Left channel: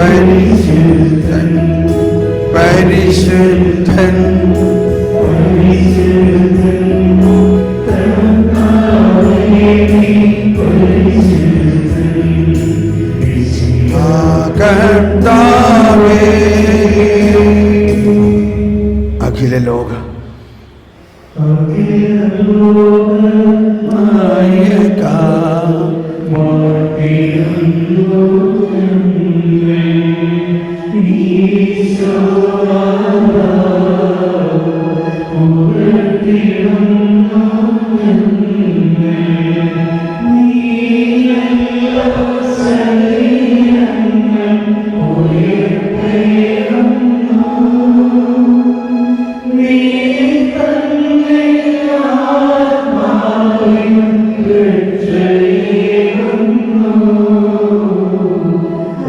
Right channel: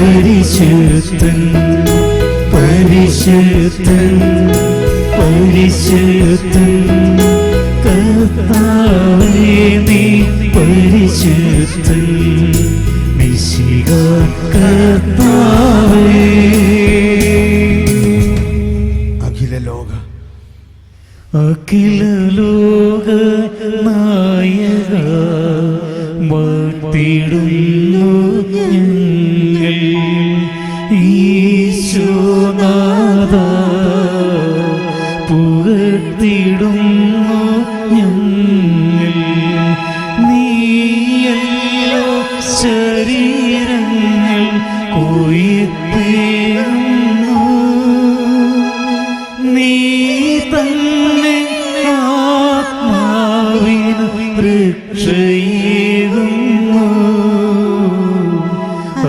പരിശുദ്ധൻ പരിശുദ്ധൻ പരിശുദ്ധൻ കർത്താവേ നീ പരിശുദ്ധൻ മിശിഹാ കർത്താവേ. അഖില ലോക നായക വാഴ്ത്തിടുന്നു ഈശോനാഥ പുകഴ്ത്തിടുന്നു നീയല്ലോ ശരീരങ്ങൾ ഉയർത്തിടുന്നു നീ തന്നെ ആത്മാവിൻ രക്ഷയേകുന്നു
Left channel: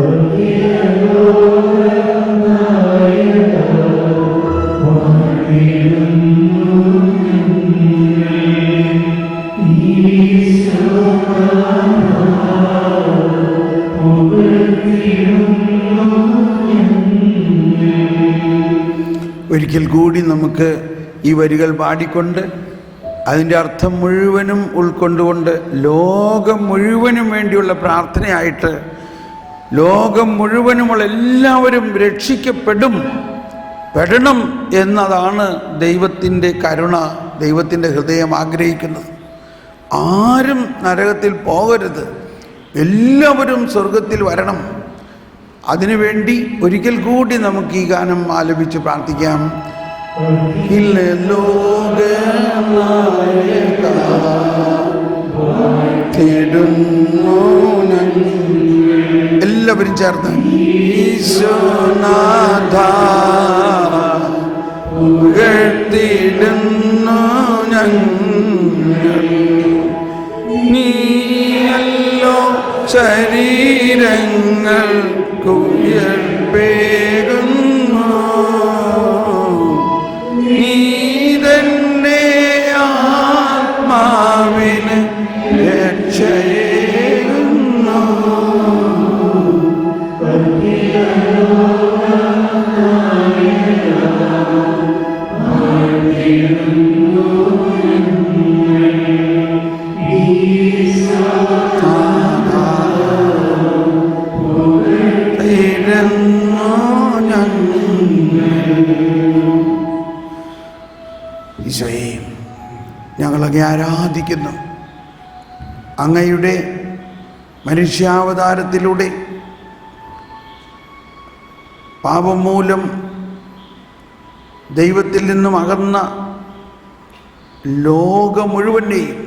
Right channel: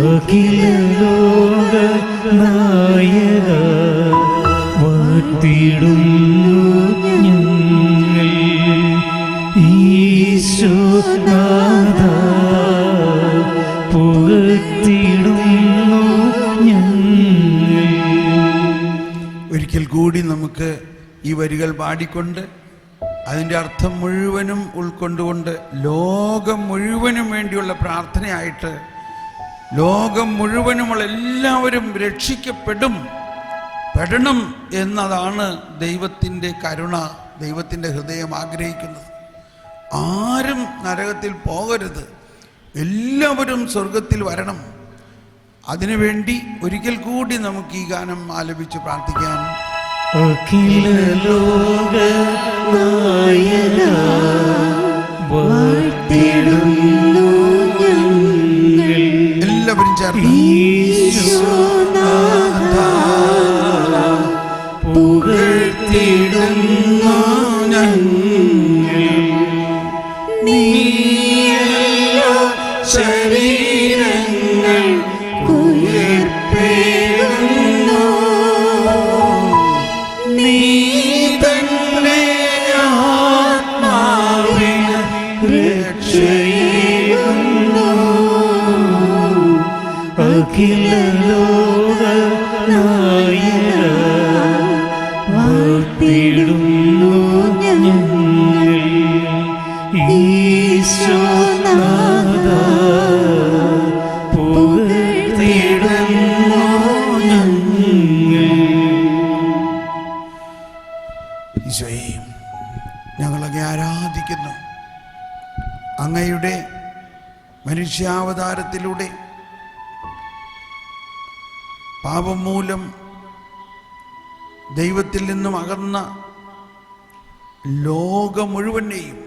അഖില ലോകനായക വാഴ്ത്തിടുന്നു ഈശോനാഥ പുകഴ്ത്തിടുന്നു. ഒരിക്കൽ കൂടി നമുക്ക് ഈ വരികൾ പാടിക്കൊണ്ട് അതിൻ്റെ അർത്ഥം മുഴുവനും ഉൾക്കൊണ്ടുകൊണ്ട് ലോകം മുഴുവനും വേണ്ടിയുള്ള പ്രാർത്ഥനയായിട്ട് ലോകം മുഴുവനുമുള്ള എല്ലാവരും പെടണം എന്നതാണ് ദൈവത്തിൻ്റെ കരുണ, ദൈവത്തിൻ്റെ ഹൃദയം ആഗ്രഹിക്കുന്നത്. ആരും നരകത്തിൽ പോകരുത്, എല്ലാവരും സ്വർഗത്തിൽ വരണം. അതിനുവേണ്ടി ഒരിക്കൽ കൂടി നമുക്ക് ഈ ഗാനം ആലപിച്ച് പ്രാർത്ഥിക്കാം. അഖില ലോകനായക വാഴ്ത്തിടുന്നു എല്ലാവരും ചേർന്ന് ഈശോനാഥ പുകഴ്ത്തിടുന്നു ഞങ്ങൾ നീയല്ലോ ശരീരങ്ങൾ ഉയർത്തിടുന്നു നീ തന്നെ ആത്മാവിന് രക്ഷയേകുന്നു അഖില ലോകനായക വാഴ്ത്തിടുന്നു ഈശോനാഥ പുകഴ്ത്തിടുന്നു ഈശോയെ, ഞങ്ങളങ്ങേ ആരാധിക്കുന്നു. അങ്ങയുടെ മനുഷ്യാവതാരത്തിലൂടെ പാപം മൂലം ദൈവത്തിൽ നിന്നും അകന്ന ലോകം മുഴുവനെയും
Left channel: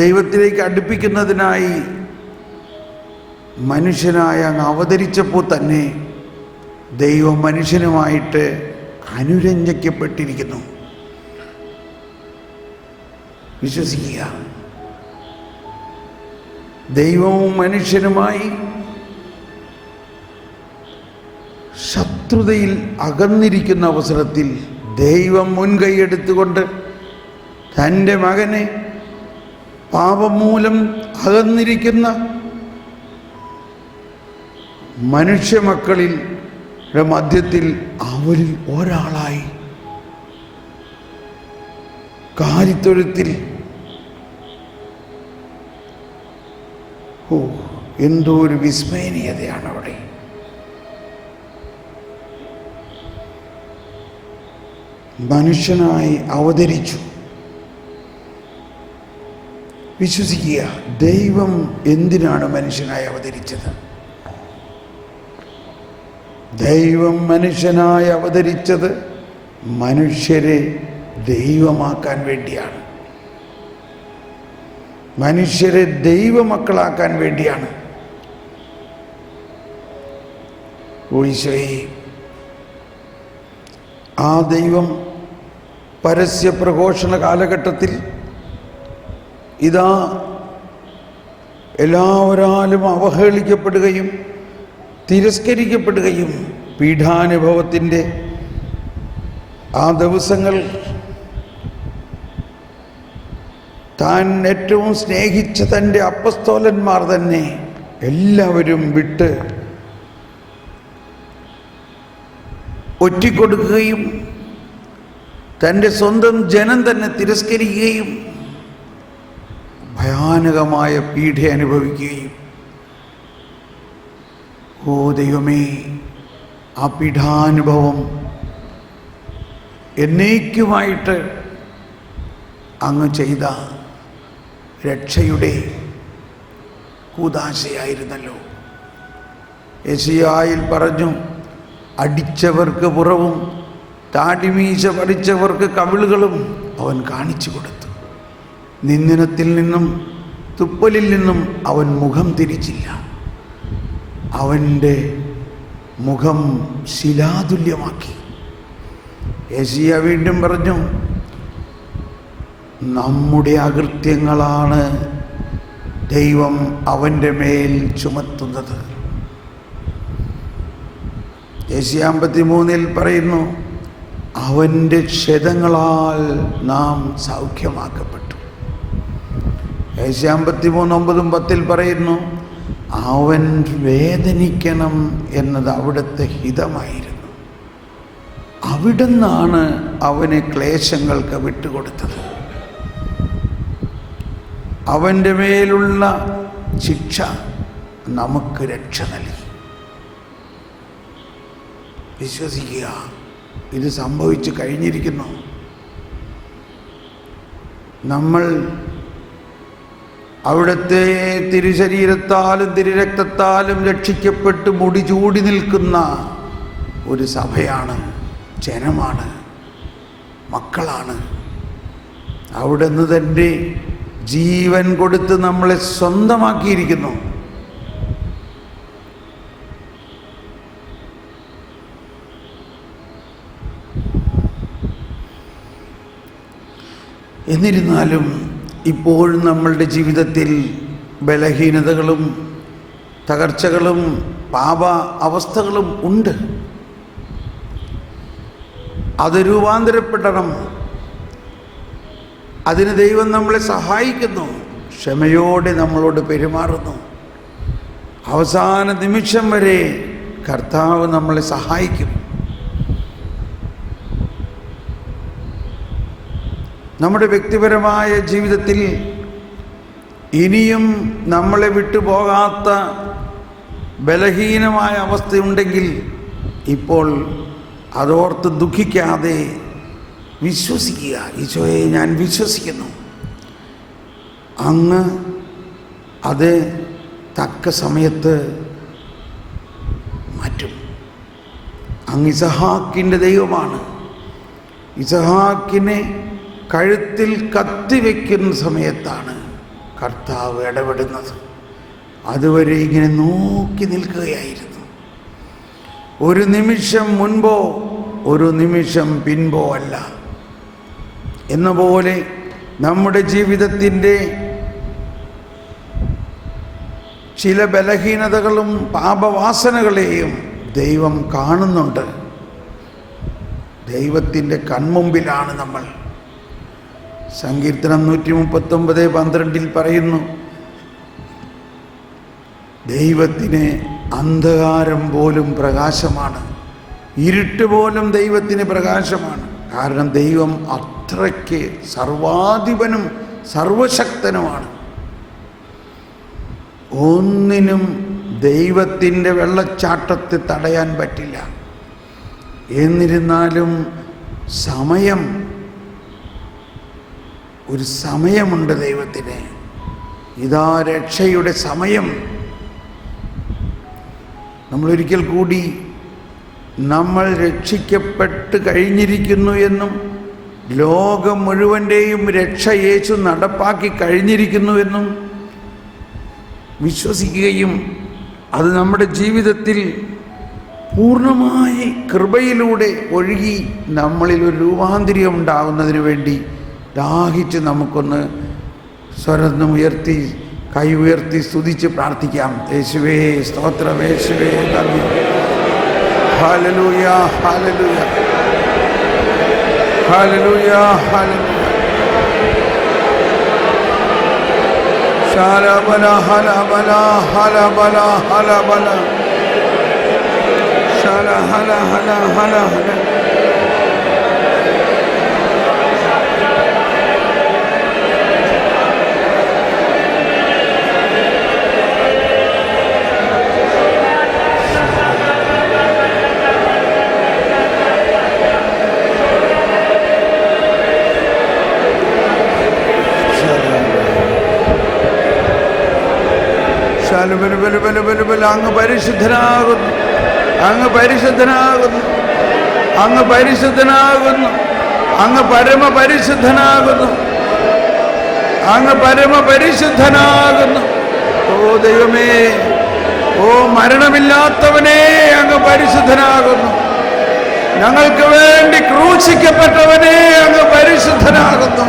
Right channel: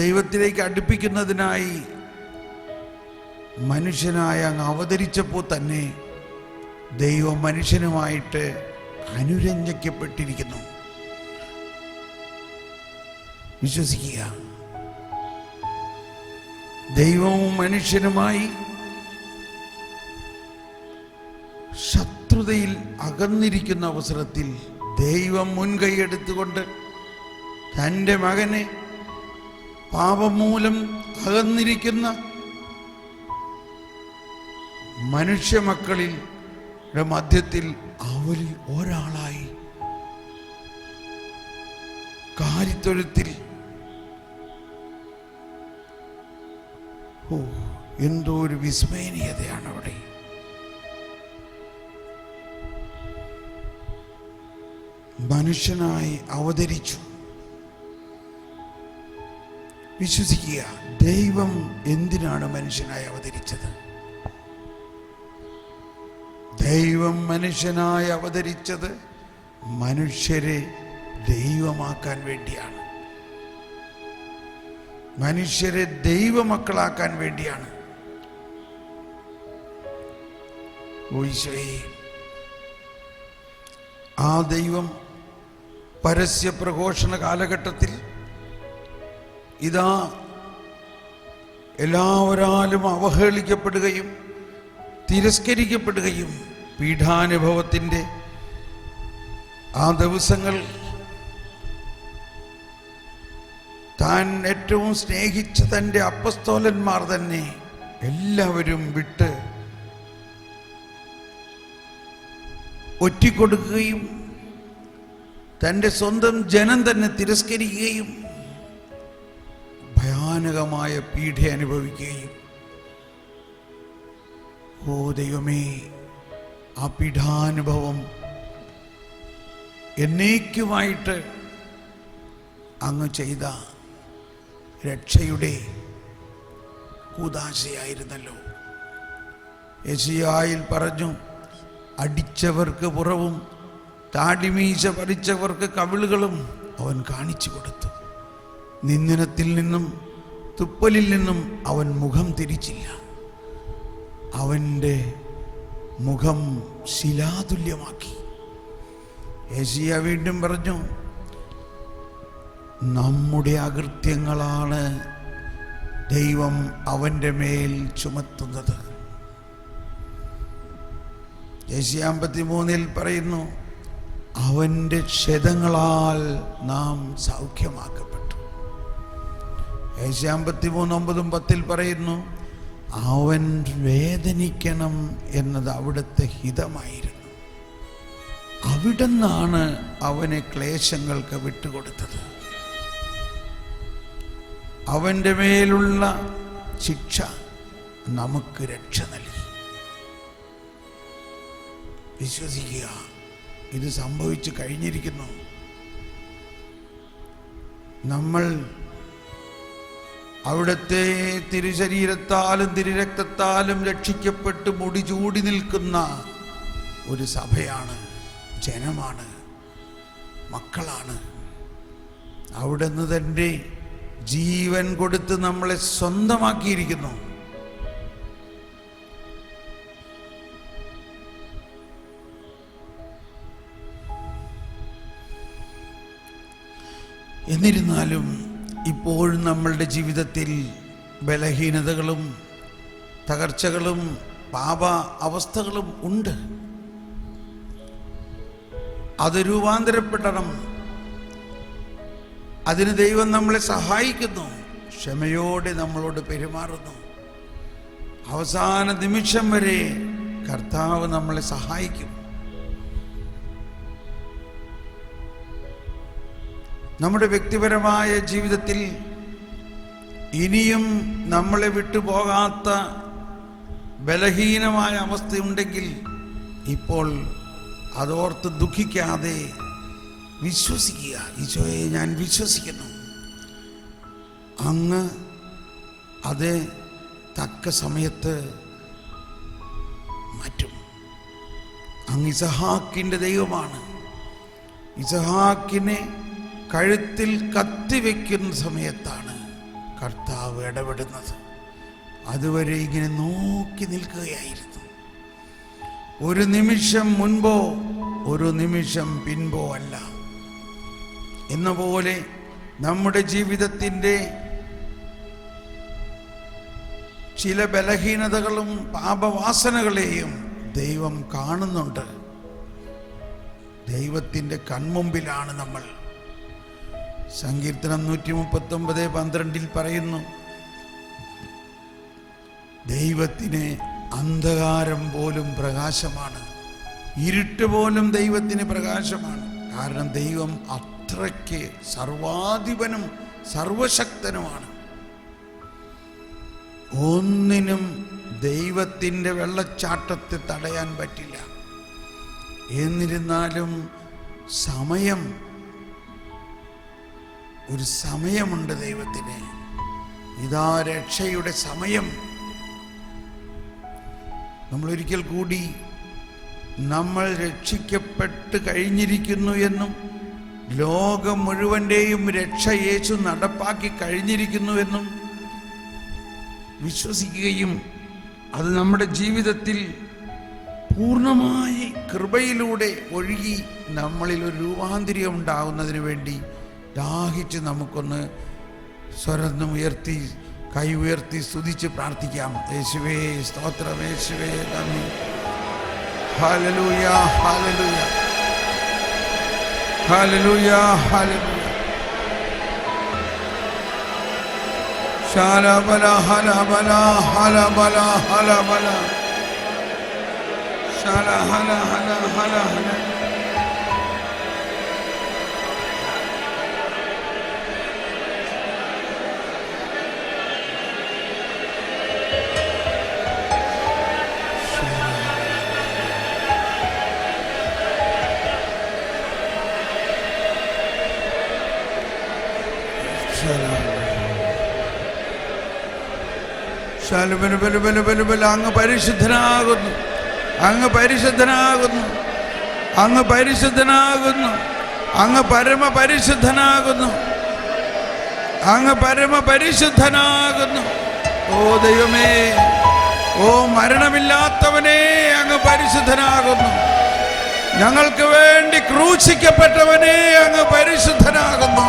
ദൈവത്തിലേക്ക് അടുപ്പിക്കുന്നതിനായി മനുഷ്യനായ അങ്ങ് അവതരിച്ചപ്പോൾ തന്നെ ദൈവം മനുഷ്യനുമായിട്ട് അനുരഞ്ജിക്കപ്പെട്ടിരിക്കുന്നു. വിശ്വസിക്കുക. ദൈവവും മനുഷ്യനുമായി ശത്രുതയിൽ അകന്നിരിക്കുന്ന അവസരത്തിൽ ദൈവം മുൻകൈയെടുത്തുകൊണ്ട് തൻ്റെ മകനെ പാപം മൂലം അകന്നിരിക്കുന്ന മനുഷ്യമക്കളിൽ മധ്യത്തിൽ അവരിൽ ഒരാളായി കാലിത്തൊഴുത്തിൽ എന്തോ ഒരു വിസ്മയനീയതയാണ് അവിടെ. മനുഷ്യനായി അവതരിച്ചു. വിശ്വസിക്കുക, ദൈവം എന്തിനാണ് മനുഷ്യനായി അവതരിച്ചത്? ദൈവം മനുഷ്യനായി അവതരിച്ചത് മനുഷ്യരെ ദൈവമാക്കാൻ വേണ്ടിയാണ്, മനുഷ്യരെ ദൈവമക്കളാക്കാൻ വേണ്ടിയാണ്. ഈശോയെ, ആ ദൈവം പരസ്യ പ്രഘോഷണ കാലഘട്ടത്തിൽ ഇതാ എല്ലാവരാലും അവഹേളിക്കപ്പെടുകയും തിരസ്കരിക്കപ്പെടുകയും പീഡാനുഭവത്തിൻ്റെ ആ ദിവസങ്ങൾ താൻ ഏറ്റവും സ്നേഹിച്ച തൻ്റെ അപ്പസ്തോലന്മാർ തന്നെ എല്ലാവരും വിട്ട് ഒറ്റിക്കൊടുക്കുകയും തൻ്റെ സ്വന്തം ജനം തന്നെ തിരസ്കരിക്കുകയും ഭയാനകമായ പീഡ അനുഭവിക്കുകയും, ഓ ദൈവമേ, ആ പീഡാനുഭവം എന്നേക്കുമായിട്ട് അങ്ങ് ചെയ്ത രക്ഷയുടെ കൂദാശയായിരുന്നല്ലോ. യെശയ്യായിൽ പറഞ്ഞു, അടിച്ചവർക്ക് പുറവും താടിമീശ പറിച്ചവർക്ക് കവിളുകളും അവൻ കാണിച്ചു കൊടുത്തു. നിന്ദനത്തിൽ നിന്നും തുപ്പലിൽ നിന്നും അവൻ മുഖം തിരിച്ചില്ല. അവൻ്റെ മുഖം ശിലാതുല്യമാക്കി. യെശയ്യാ വീണ്ടും പറഞ്ഞു, നമ്മുടെ അകൃത്യങ്ങളാണ് ദൈവം അവൻ്റെ മേൽ ചുമത്തുന്നത്. യെശയ്യാ 53 പറയുന്നു, അവൻ്റെ ക്ഷതങ്ങളാൽ നാം സൗഖ്യമാക്കപ്പെട്ടു. യെശയ്യാ 53:9-10 പറയുന്നു, അവൻ വേദനിക്കണം എന്നത് അവിടുത്തെ ഹിതമായിരുന്നു. അവിടുന്നാണ് അവനെ ക്ലേശങ്ങൾക്ക് വിട്ടുകൊടുത്തത്. അവൻ്റെ മേലുള്ള ശിക്ഷ നമുക്ക് രക്ഷ നൽകി. വിശ്വസിക്കുക, ഇത് സംഭവിച്ചു കഴിഞ്ഞിരിക്കുന്നു. നമ്മൾ അവിടുത്തെ തിരുശരീരത്താലും തിരുരക്തത്താലും രക്ഷിക്കപ്പെട്ട് മുടി ചൂടി നിൽക്കുന്ന ഒരു സഭയാണ്, ജനമാണ്, മക്കളാണ്. അവിടുന്ന് തൻ്റെ ജീവൻ കൊടുത്ത് നമ്മളെ സ്വന്തമാക്കിയിരിക്കുന്നു. എന്നിരുന്നാലും ഇപ്പോൾ നമ്മളുടെ ജീവിതത്തിൽ ബലഹീനതകളും തകർച്ചകളും പാപ അവസ്ഥകളും ഉണ്ട്. അത് രൂപാന്തരപ്പെടണം. അതിന് ദൈവം നമ്മളെ സഹായിക്കുന്നു, ക്ഷമയോടെ നമ്മളോട് പെരുമാറുന്നു. അവസാന നിമിഷം വരെ കർത്താവ് നമ്മളെ സഹായിക്കും. നമ്മുടെ വ്യക്തിപരമായ ജീവിതത്തിൽ ഇനിയും നമ്മളെ വിട്ടുപോകാത്ത ബലഹീനമായ അവസ്ഥയുണ്ടെങ്കിൽ ഇപ്പോൾ അതോർത്ത് ദുഃഖിക്കാതെ വിശ്വസിക്കുക. ഈശോയെ, ഞാൻ വിശ്വസിക്കുന്നു, അങ്ങ് അത് തക്ക സമയത്ത് മാറ്റും. അങ്ങ് ഇസഹാക്കിൻ്റെ ദൈവമാണ്. ഇസഹാക്കിനെ കഴുത്തിൽ കത്തിവെക്കുന്ന സമയത്താണ് കർത്താവ് ഇടപെടുന്നത്. അതുവരെ ഇങ്ങനെ നോക്കി നിൽക്കുകയായിരുന്നു. ഒരു നിമിഷം മുൻപോ ഒരു നിമിഷം പിൻപോ അല്ല എന്ന പോലെ നമ്മുടെ ജീവിതത്തിൻ്റെ ചില ബലഹീനതകളും പാപവാസനകളെയും ദൈവം കാണുന്നുണ്ട്. ദൈവത്തിൻ്റെ കൺമുമ്പിലാണ് നമ്മൾ. സങ്കീർത്തനം 139:12 പറയുന്നു, ദൈവത്തിന് അന്ധകാരം പോലും പ്രകാശമാണ്, ഇരുട്ട് പോലും ദൈവത്തിന് പ്രകാശമാണ്. കാരണം ദൈവം അത്രയ്ക്ക് സർവാധിപനും സർവശക്തനുമാണ്. ഒന്നിനും ദൈവത്തിൻ്റെ വെള്ളച്ചാട്ടത്തെ തടയാൻ പറ്റില്ല. എന്നിരുന്നാലും ഒരു സമയമുണ്ട് ദൈവത്തിന്. ഇതാ രക്ഷയുടെ സമയം. നമ്മളൊരിക്കൽ കൂടി നമ്മൾ രക്ഷിക്കപ്പെട്ട് കഴിഞ്ഞിരിക്കുന്നു എന്നും ലോകം മുഴുവൻ്റെയും രക്ഷ യേശു നടപ്പാക്കി കഴിഞ്ഞിരിക്കുന്നുവെന്നും വിശ്വസിക്കുകയും അത് നമ്മുടെ ജീവിതത്തിൽ പൂർണ്ണമായി കൃപയിലൂടെ ഒഴുകി നമ്മളിൽ ഒരു രൂപാന്തരം ഉണ്ടാകുന്നതിന് വേണ്ടി ദാഹിച്ച് നമുക്കൊന്ന് സ്വരം ഉയർത്തി കൈ ഉയർത്തി സ്തുതിച്ച് പ്രാർത്ഥിക്കാം. യേശുവേ സ്തോത്രം, യേശുവേ നന്ദി. Hallelujah, hallelujah, hallelujah, hallelujah. ശാലബല ഹലബല ഹലബല ഹലബല ശാല ഹല ഹല ഹല ഹല അങ്ങ് പരിശുദ്ധനാകുന്നു, അങ്ങ് പരിശുദ്ധനാകുന്നു, അങ്ങ് പരിശുദ്ധനാകുന്നു, അങ്ങ് പരമപരിശുദ്ധനാകുന്നു, അങ്ങ് പരമപരിശുദ്ധനാകുന്നു. ഓ ദൈവമേ, ഓ മരണമില്ലാത്തവനേ, അങ്ങ് പരിശുദ്ധനാകുന്നു. ഞങ്ങൾക്ക് വേണ്ടി ക്രൂശിക്കപ്പെട്ടവനേ, അങ്ങ് പരിശുദ്ധനാകുന്നു.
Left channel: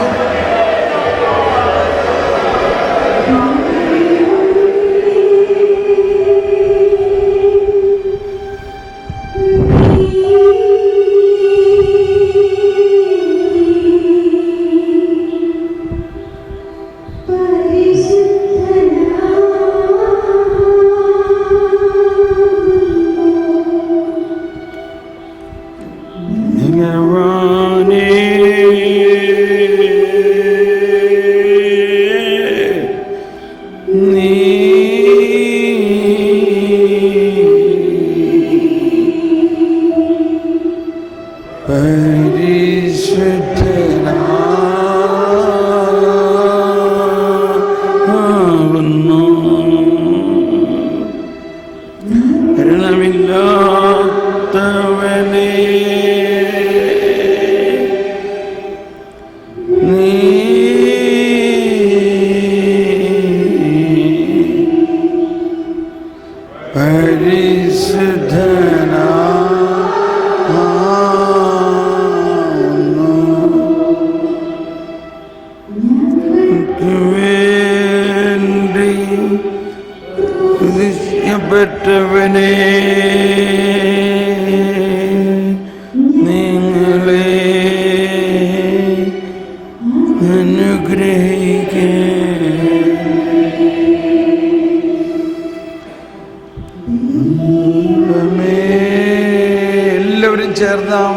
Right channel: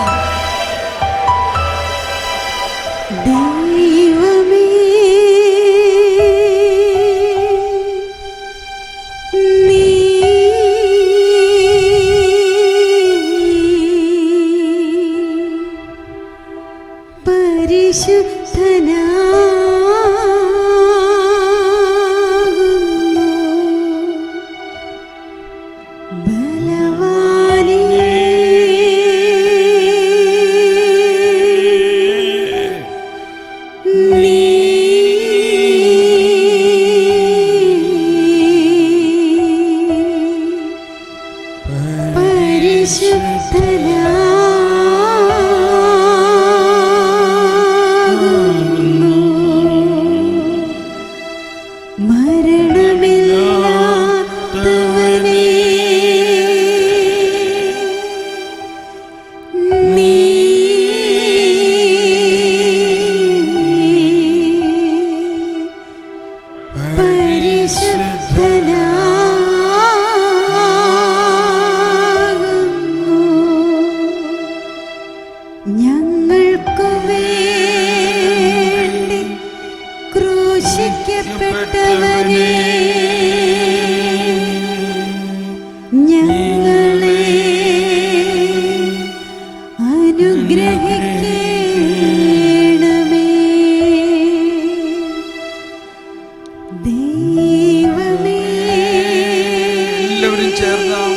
എല്ലാവരും ചേർന്നാം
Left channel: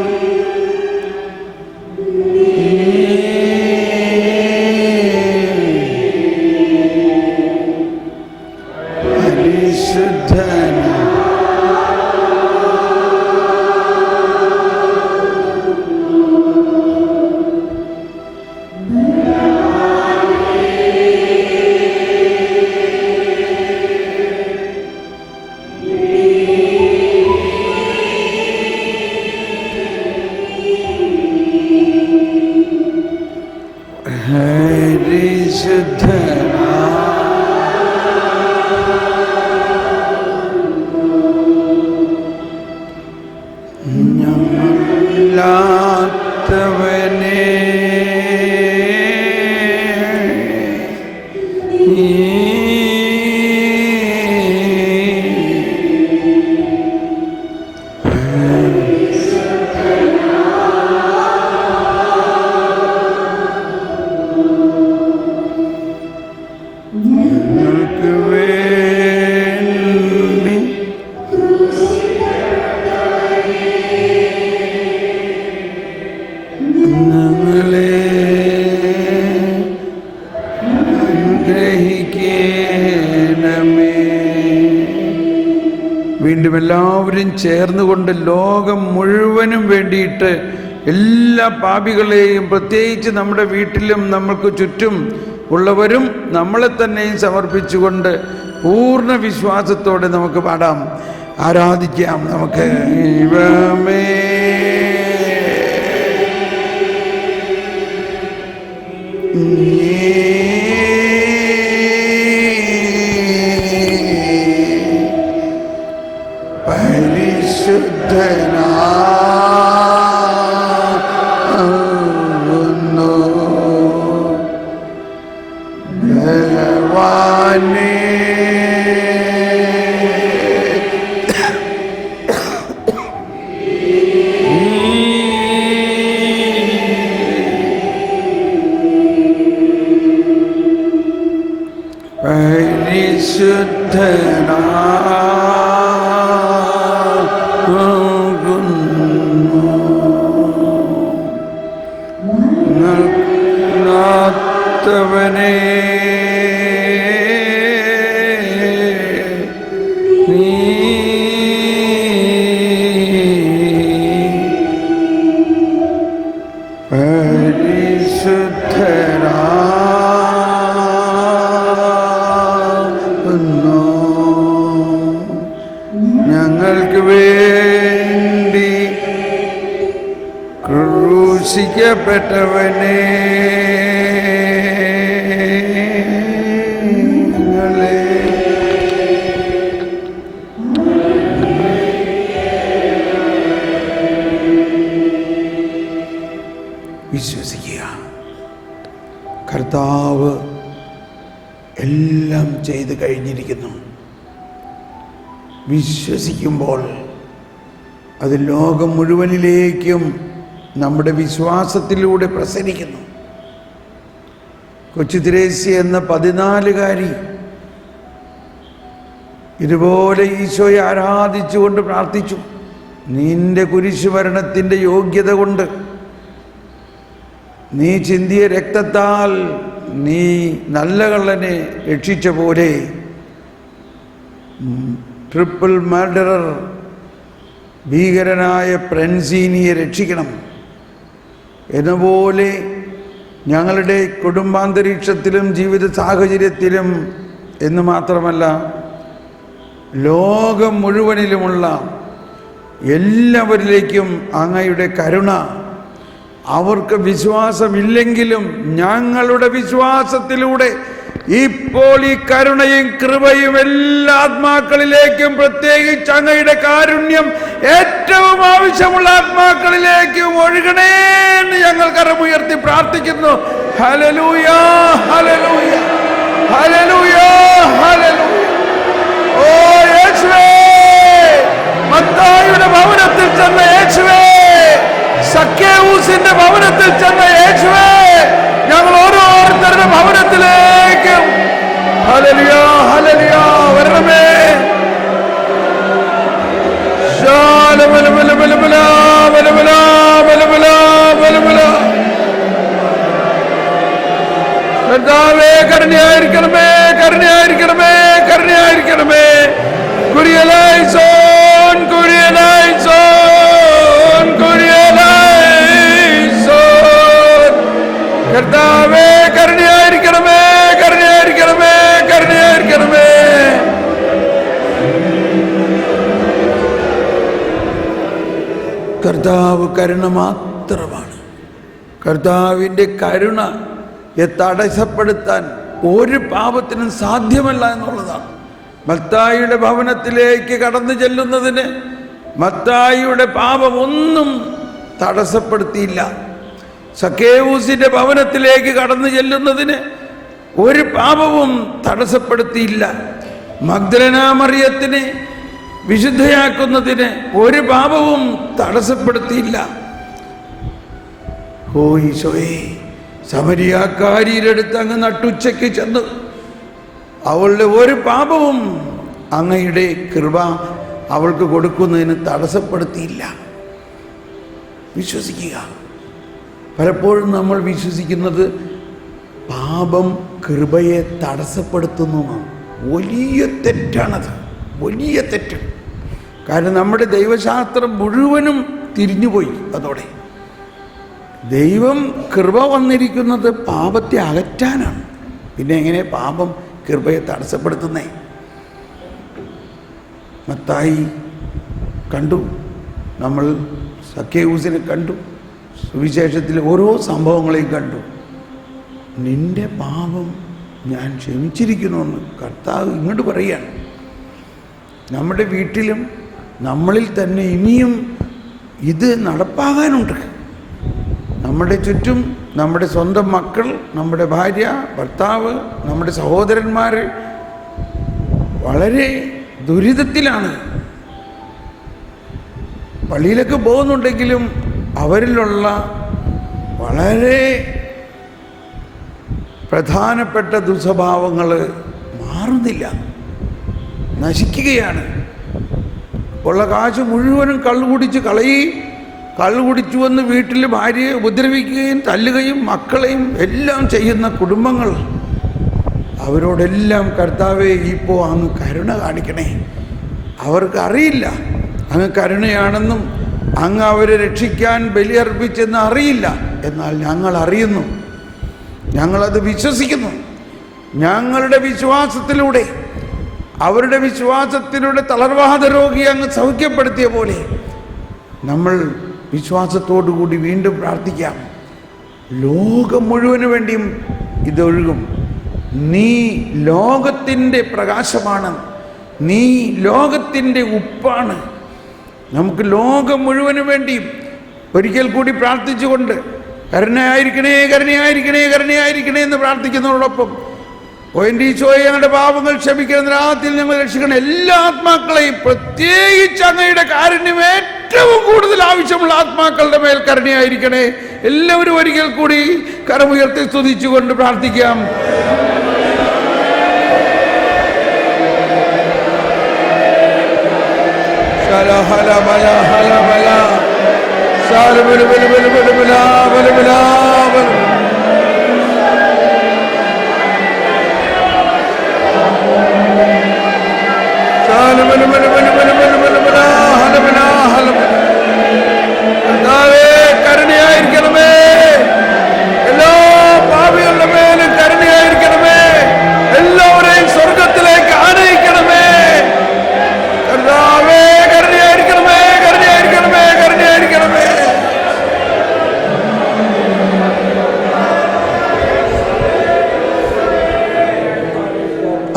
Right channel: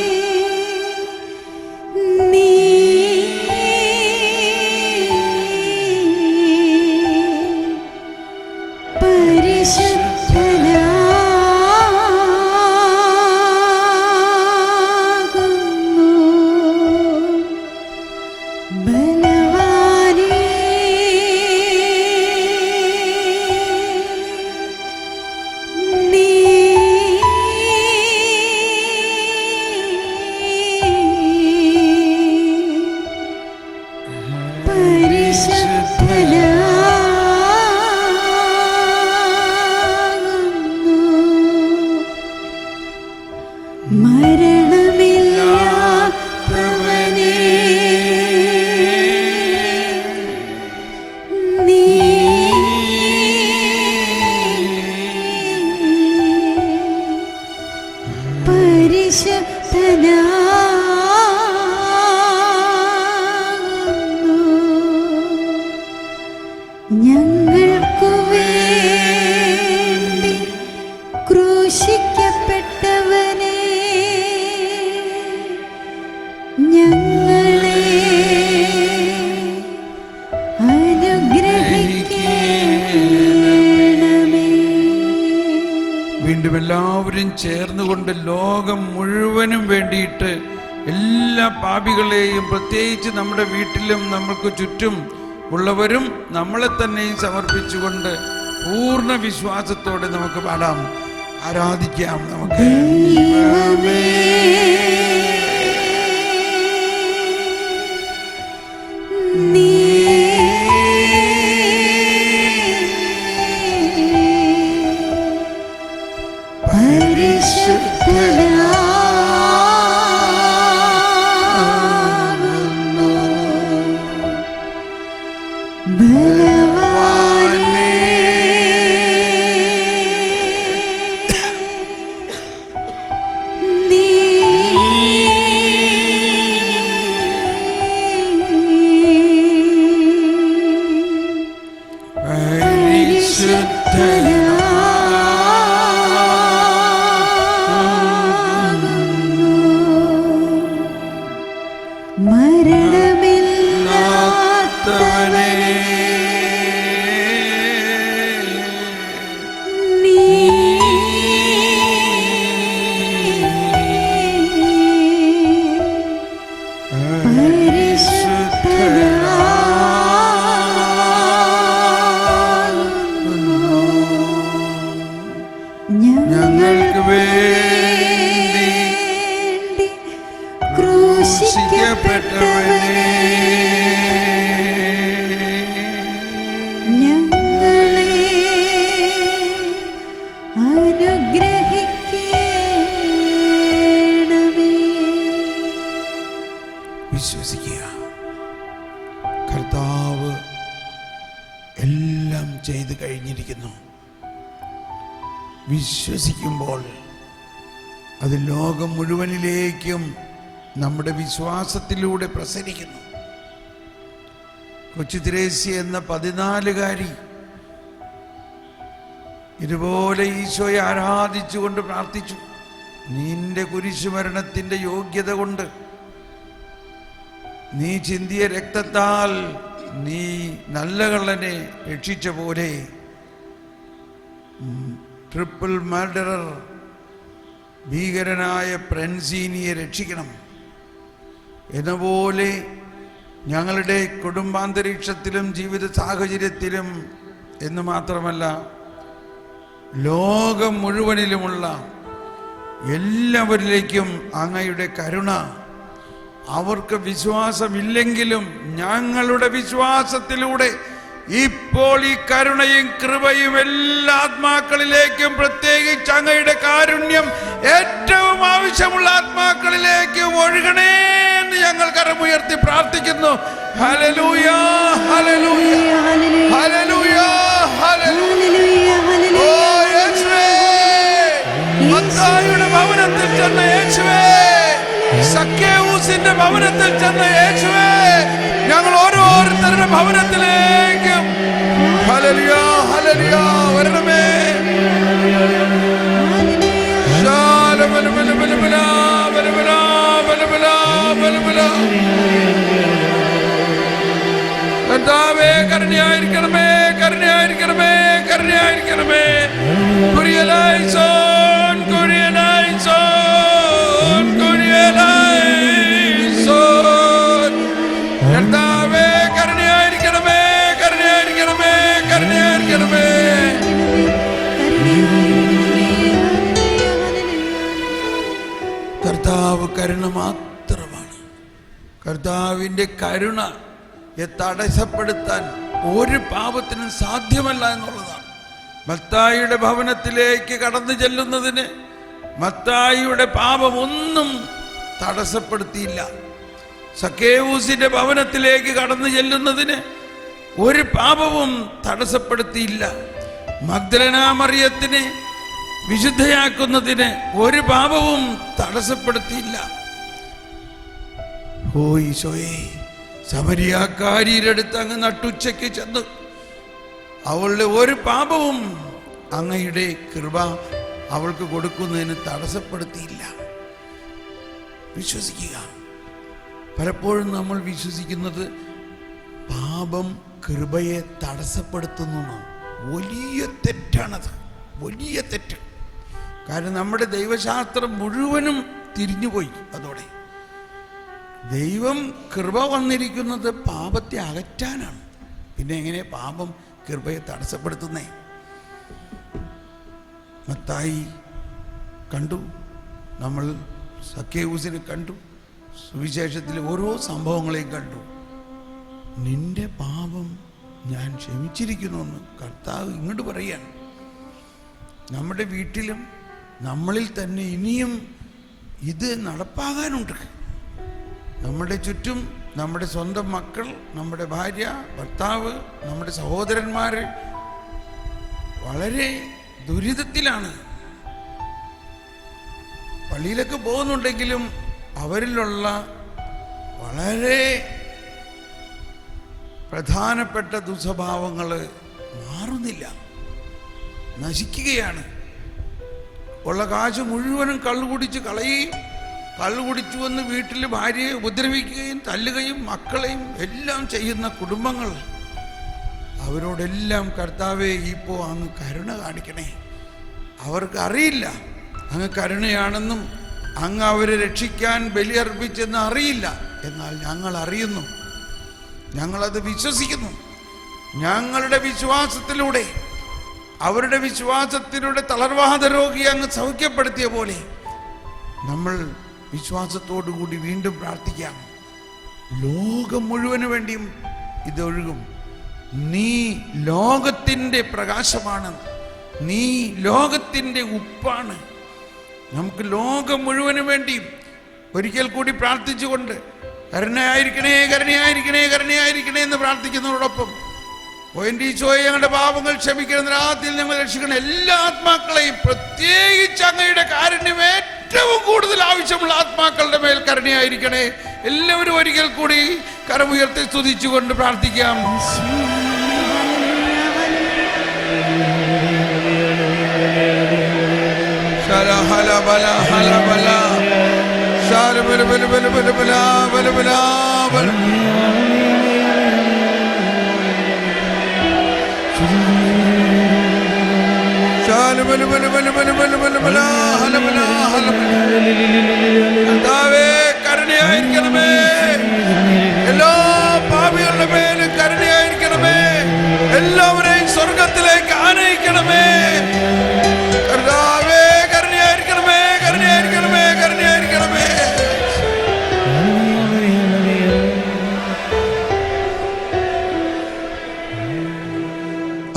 വീണ്ടും എല്ലാവരും ചേർന്നുകൊണ്ട് ലോകം മുഴുവനും വേണ്ടിയിട്ട് എല്ലാ പാപികളെയും, പ്രത്യേകിച്ച് നമ്മുടെ വീട്ടിലും നമ്മൾക്ക് ചുറ്റും ഉള്ളവരും നമ്മളെ തന്നെയും സമർപ്പിച്ചുകൊണ്ട് പൂർണ്ണ വിശ്വാസത്തോടെ നമുക്ക് പാടാം, ആരാധിക്കാം. നമുക്ക് ദൈവമേ പരിശുദ്ധനാകുന്നു ഭഗവാനേ. ഞങ്ങൾക്ക് വേണ്ടി ക്രൂശിക്കപ്പെട്ടവനെ വിശ്വസിക്കുക. കർത്താവ് എല്ലാം ചെയ്ത് കഴിഞ്ഞിരിക്കുന്നു. വിശ്വസിക്കുമ്പോൾ അത് ലോകം മുഴുവനിലേക്കും നമ്മുടെ വിശ്വാസത്തിലൂടെ പ്രസരിക്കുന്നു. കൊച്ചു ത്രേസ്യ എന്ന 14കാരി ഇതുപോലെ ഈശോയെ ആരാധിച്ചുകൊണ്ട് പ്രാർത്ഥിച്ചു. നിന്റെ കുരിശുമരണത്തിൻ്റെ യോഗ്യത കൊണ്ട്, നീ ചിന്തിയ രക്തത്താൽ നീ നല്ല കള്ളനെ രക്ഷിച്ച പോലെ ട്രിപ്പിൾ മർഡറർ ഭീകരനായ ഫ്രൻസീനിയെ രക്ഷിക്കണം. എന്നപോലെ ഞങ്ങളുടെ കുടുംബാന്തരീക്ഷത്തിലും ജീവിത സാഹചര്യത്തിലും എന്ന് മാത്രമല്ല ലോകം മുഴുവനിലുമുള്ള എല്ലാവരിലേക്കും അങ്ങയുടെ കരുണ, അവർക്ക് വിശ്വാസമില്ലെങ്കിലും ഞങ്ങളുടെ വിശ്വാസത്തിലൂടെ ഇപ്പോൾ ഈ കരുണയും കൃപയും എല്ലാ ആത്മാക്കളിലേക്കും, പ്രത്യേകിച്ച് അങ്ങയുടെ കാരുണ്യം ഏറ്റവും ആവശ്യമുള്ള ആത്മാക്കളിലേക്കും ഒഴുകണേ എന്ന് ഞങ്ങൾ കരമുയർത്തി പ്രാർത്ഥിക്കുന്നു. Hallelujah, hallelujah, hallelujah, hallelujah. ഓ യേശുവേ, മത്തായിയുടെ ഭവനത്തിൽ ചെന്ന യേശുവേ, സക്കേവൂസിന്റെ ഭവനത്തിൽ ചെന്ന യേശുവേ, ഞങ്ങൾ ഓരോരുത്തരുടെ ഭവനത്തിലേക്കും ഹല്ലേലൂയ, ഹല്ലേലൂയ വരണമേ. കർത്താവേ, കരുണയായിരിക്കണമേ, കരുണയായിരിക്കണമേ, കരുണയായിരിക്കണമേ. കുരിയലൈസോൻ, കുരിയലൈസോൻ, കുരിയലൈസോൻ. കർത്താവേ, കരുണയായിരിക്കണമേ, കരുണയായിരിക്കണമേ, കരുണയായിരിക്കണമേ. കർത്താവ് കരുണ മാത്രമാണ്. കർത്താവിൻ്റെ കരുണയെ തടസ്സപ്പെടുത്താൻ ഒരു പാപത്തിനും സാധ്യമല്ല എന്നുള്ളതാണ്. മത്തായിയുടെ ഭവനത്തിലേക്ക് കടന്നു ചെല്ലുന്നതിന് മത്തായിയുടെ പാപമൊന്നും തടസ്സപ്പെടുത്തിയില്ല. സക്കേവൂസിന്റെ ഭവനത്തിലേക്ക് കടന്നു ചെല്ലുന്നതിന് ഒരു പാപവും തടസ്സപ്പെടുത്തിയില്ല. മഗ്ദലന മറിയത്തിനെ വിശുദ്ധയാക്കുന്നതിന് ഒരു പാപവും തടസ്സപ്പെടുത്തിയില്ല. ഓ ഈശോയെ, സമരിയാക്കാരിയുടെ അടുത്ത് അങ്ങ് നട്ടുച്ചയ്ക്ക് ചെന്ന് അവളുടെ ഒരു പാപവും അങ്ങയുടെ കൃപ അവൾക്ക് കൊടുക്കുന്നതിന് തടസ്സപ്പെടുത്തിയില്ല. വിശ്വസിക്കുക. പലപ്പോഴും നമ്മൾ വിശ്വസിക്കുന്നത് പാപം കൃപയെ തടസ്സപ്പെടുത്തുന്നതാണ്. വലിയ തെറ്റാണത്, വലിയ തെറ്റ്. കാരണം നമ്മുടെ ദൈവശാസ്ത്രം മുഴുവനും തിരിഞ്ഞുപോയി. അതോടെ ദൈവം കൃപ വന്നിരിക്കുന്നത് പാപത്തെ അകറ്റാനാണ്. പിന്നെ എങ്ങനെ പാപം കൃപയെ തടസ്സപ്പെടുത്തുന്നേ? മത്തായി കണ്ടു, നമ്മൾ സക്കേവൂസിനെ കണ്ടു, സുവിശേഷത്തിലെ ഓരോ സംഭവങ്ങളെയും കണ്ടു. നിന്റെ പാപം ഞാൻ ക്ഷമിച്ചിരിക്കണമെന്ന് കർത്താവ് ഇങ്ങോട്ട് പറയുകയാണ്. നമ്മുടെ വീട്ടിലും നമ്മളിൽ തന്നെ ഇനിയും ഇത് നടപ്പാകാനുണ്ട്. നമ്മുടെ ചുറ്റും നമ്മുടെ സ്വന്തം മക്കൾ, നമ്മുടെ ഭാര്യ, ഭർത്താവ്, നമ്മുടെ സഹോദരന്മാർ വളരെ ദുരിതത്തിലാണ്. പള്ളിയിലൊക്കെ പോകുന്നുണ്ടെങ്കിലും അവരിലുള്ള വളരെ പ്രധാനപ്പെട്ട ദുസ്വഭാവങ്ങൾ മാറുന്നില്ല, നശിക്കുകയാണ്. ഉള്ള കാശ് മുഴുവനും കള്ളുകുടിച്ച് കളയുകയും, കള്ളുകുടിച്ചു വന്ന് വീട്ടിൽ ഭാര്യയെ ഉപദ്രവിക്കുകയും തല്ലുകയും മക്കളെയും എല്ലാം ചെയ്യുന്ന കുടുംബങ്ങൾ. അവരോടെല്ലാം കർത്താവേ, ഇപ്പോൾ അങ്ങ് കരുണ കാണിക്കണേ. അവർക്ക് അറിയില്ല അങ്ങ് കരുണയാണെന്നും അങ്ങ് അവരെ രക്ഷിക്കാൻ ബലിയർപ്പിച്ചെന്ന് അറിയില്ല. എന്നാൽ ഞങ്ങൾ അറിയുന്നു, ഞങ്ങളത് വിശ്വസിക്കുന്നു. ഞങ്ങളുടെ വിശ്വാസത്തിലൂടെ അവരുടെ വിശ്വാസത്തിലൂടെ തളർവാദ രോഗിയെ അങ്ങ് സൗഖ്യപ്പെടുത്തിയ പോലെ നമ്മൾ വിശ്വാസത്തോടുകൂടി വീണ്ടും പ്രാർത്ഥിക്കാം. ലോകം മുഴുവന് വേണ്ടിയും ഇതൊഴുകും. നീ ലോകത്തിൻ്റെ പ്രകാശമാണ്, നീ ലോകത്തിൻ്റെ ഉപ്പാണ്. നമുക്ക് ലോകം മുഴുവന് വേണ്ടിയും ഒരിക്കൽ കൂടി പ്രാർത്ഥിച്ചുകൊണ്ട് കരുണയായിരിക്കണേ, കരുണയായിരിക്കണേ, കരുണയായിരിക്കണേ എന്ന് പ്രാർത്ഥിക്കുന്നതോടൊപ്പം ഈശോയെ ഞങ്ങളുടെ പാപങ്ങൾ ക്ഷമിക്കുന്ന രാത്രിയിൽ ഞങ്ങൾ രക്ഷിക്കണം. എല്ലാ ആത്മാക്കളെയും, പ്രത്യേകിച്ച് അങ്ങയുടെ കാരുണ്യം ഏറ്റവും കൂടുതൽ ആവശ്യമുള്ള ആത്മാക്കളുടെ മേൽ കരുണയായിരിക്കണേ. എല്ലാവരും ഒരിക്കൽ കൂടി കരമുയർത്തി സ്തുതിച്ചുകൊണ്ട് പ്രാർത്ഥിക്കാം. കരുണയായിരിക്കണമേ, എല്ലാ പാപികളുടെ മേലും കരുണയായിരിക്കണമേ, എല്ലാവരെയും സ്വർഗത്തിലേക്ക് ആനയിക്കണമേ. കർത്താവേ കരുണയായിരിക്കണമേ, കരുണയായിരിക്കണമേ, കരുണയായിരിക്കണമേ.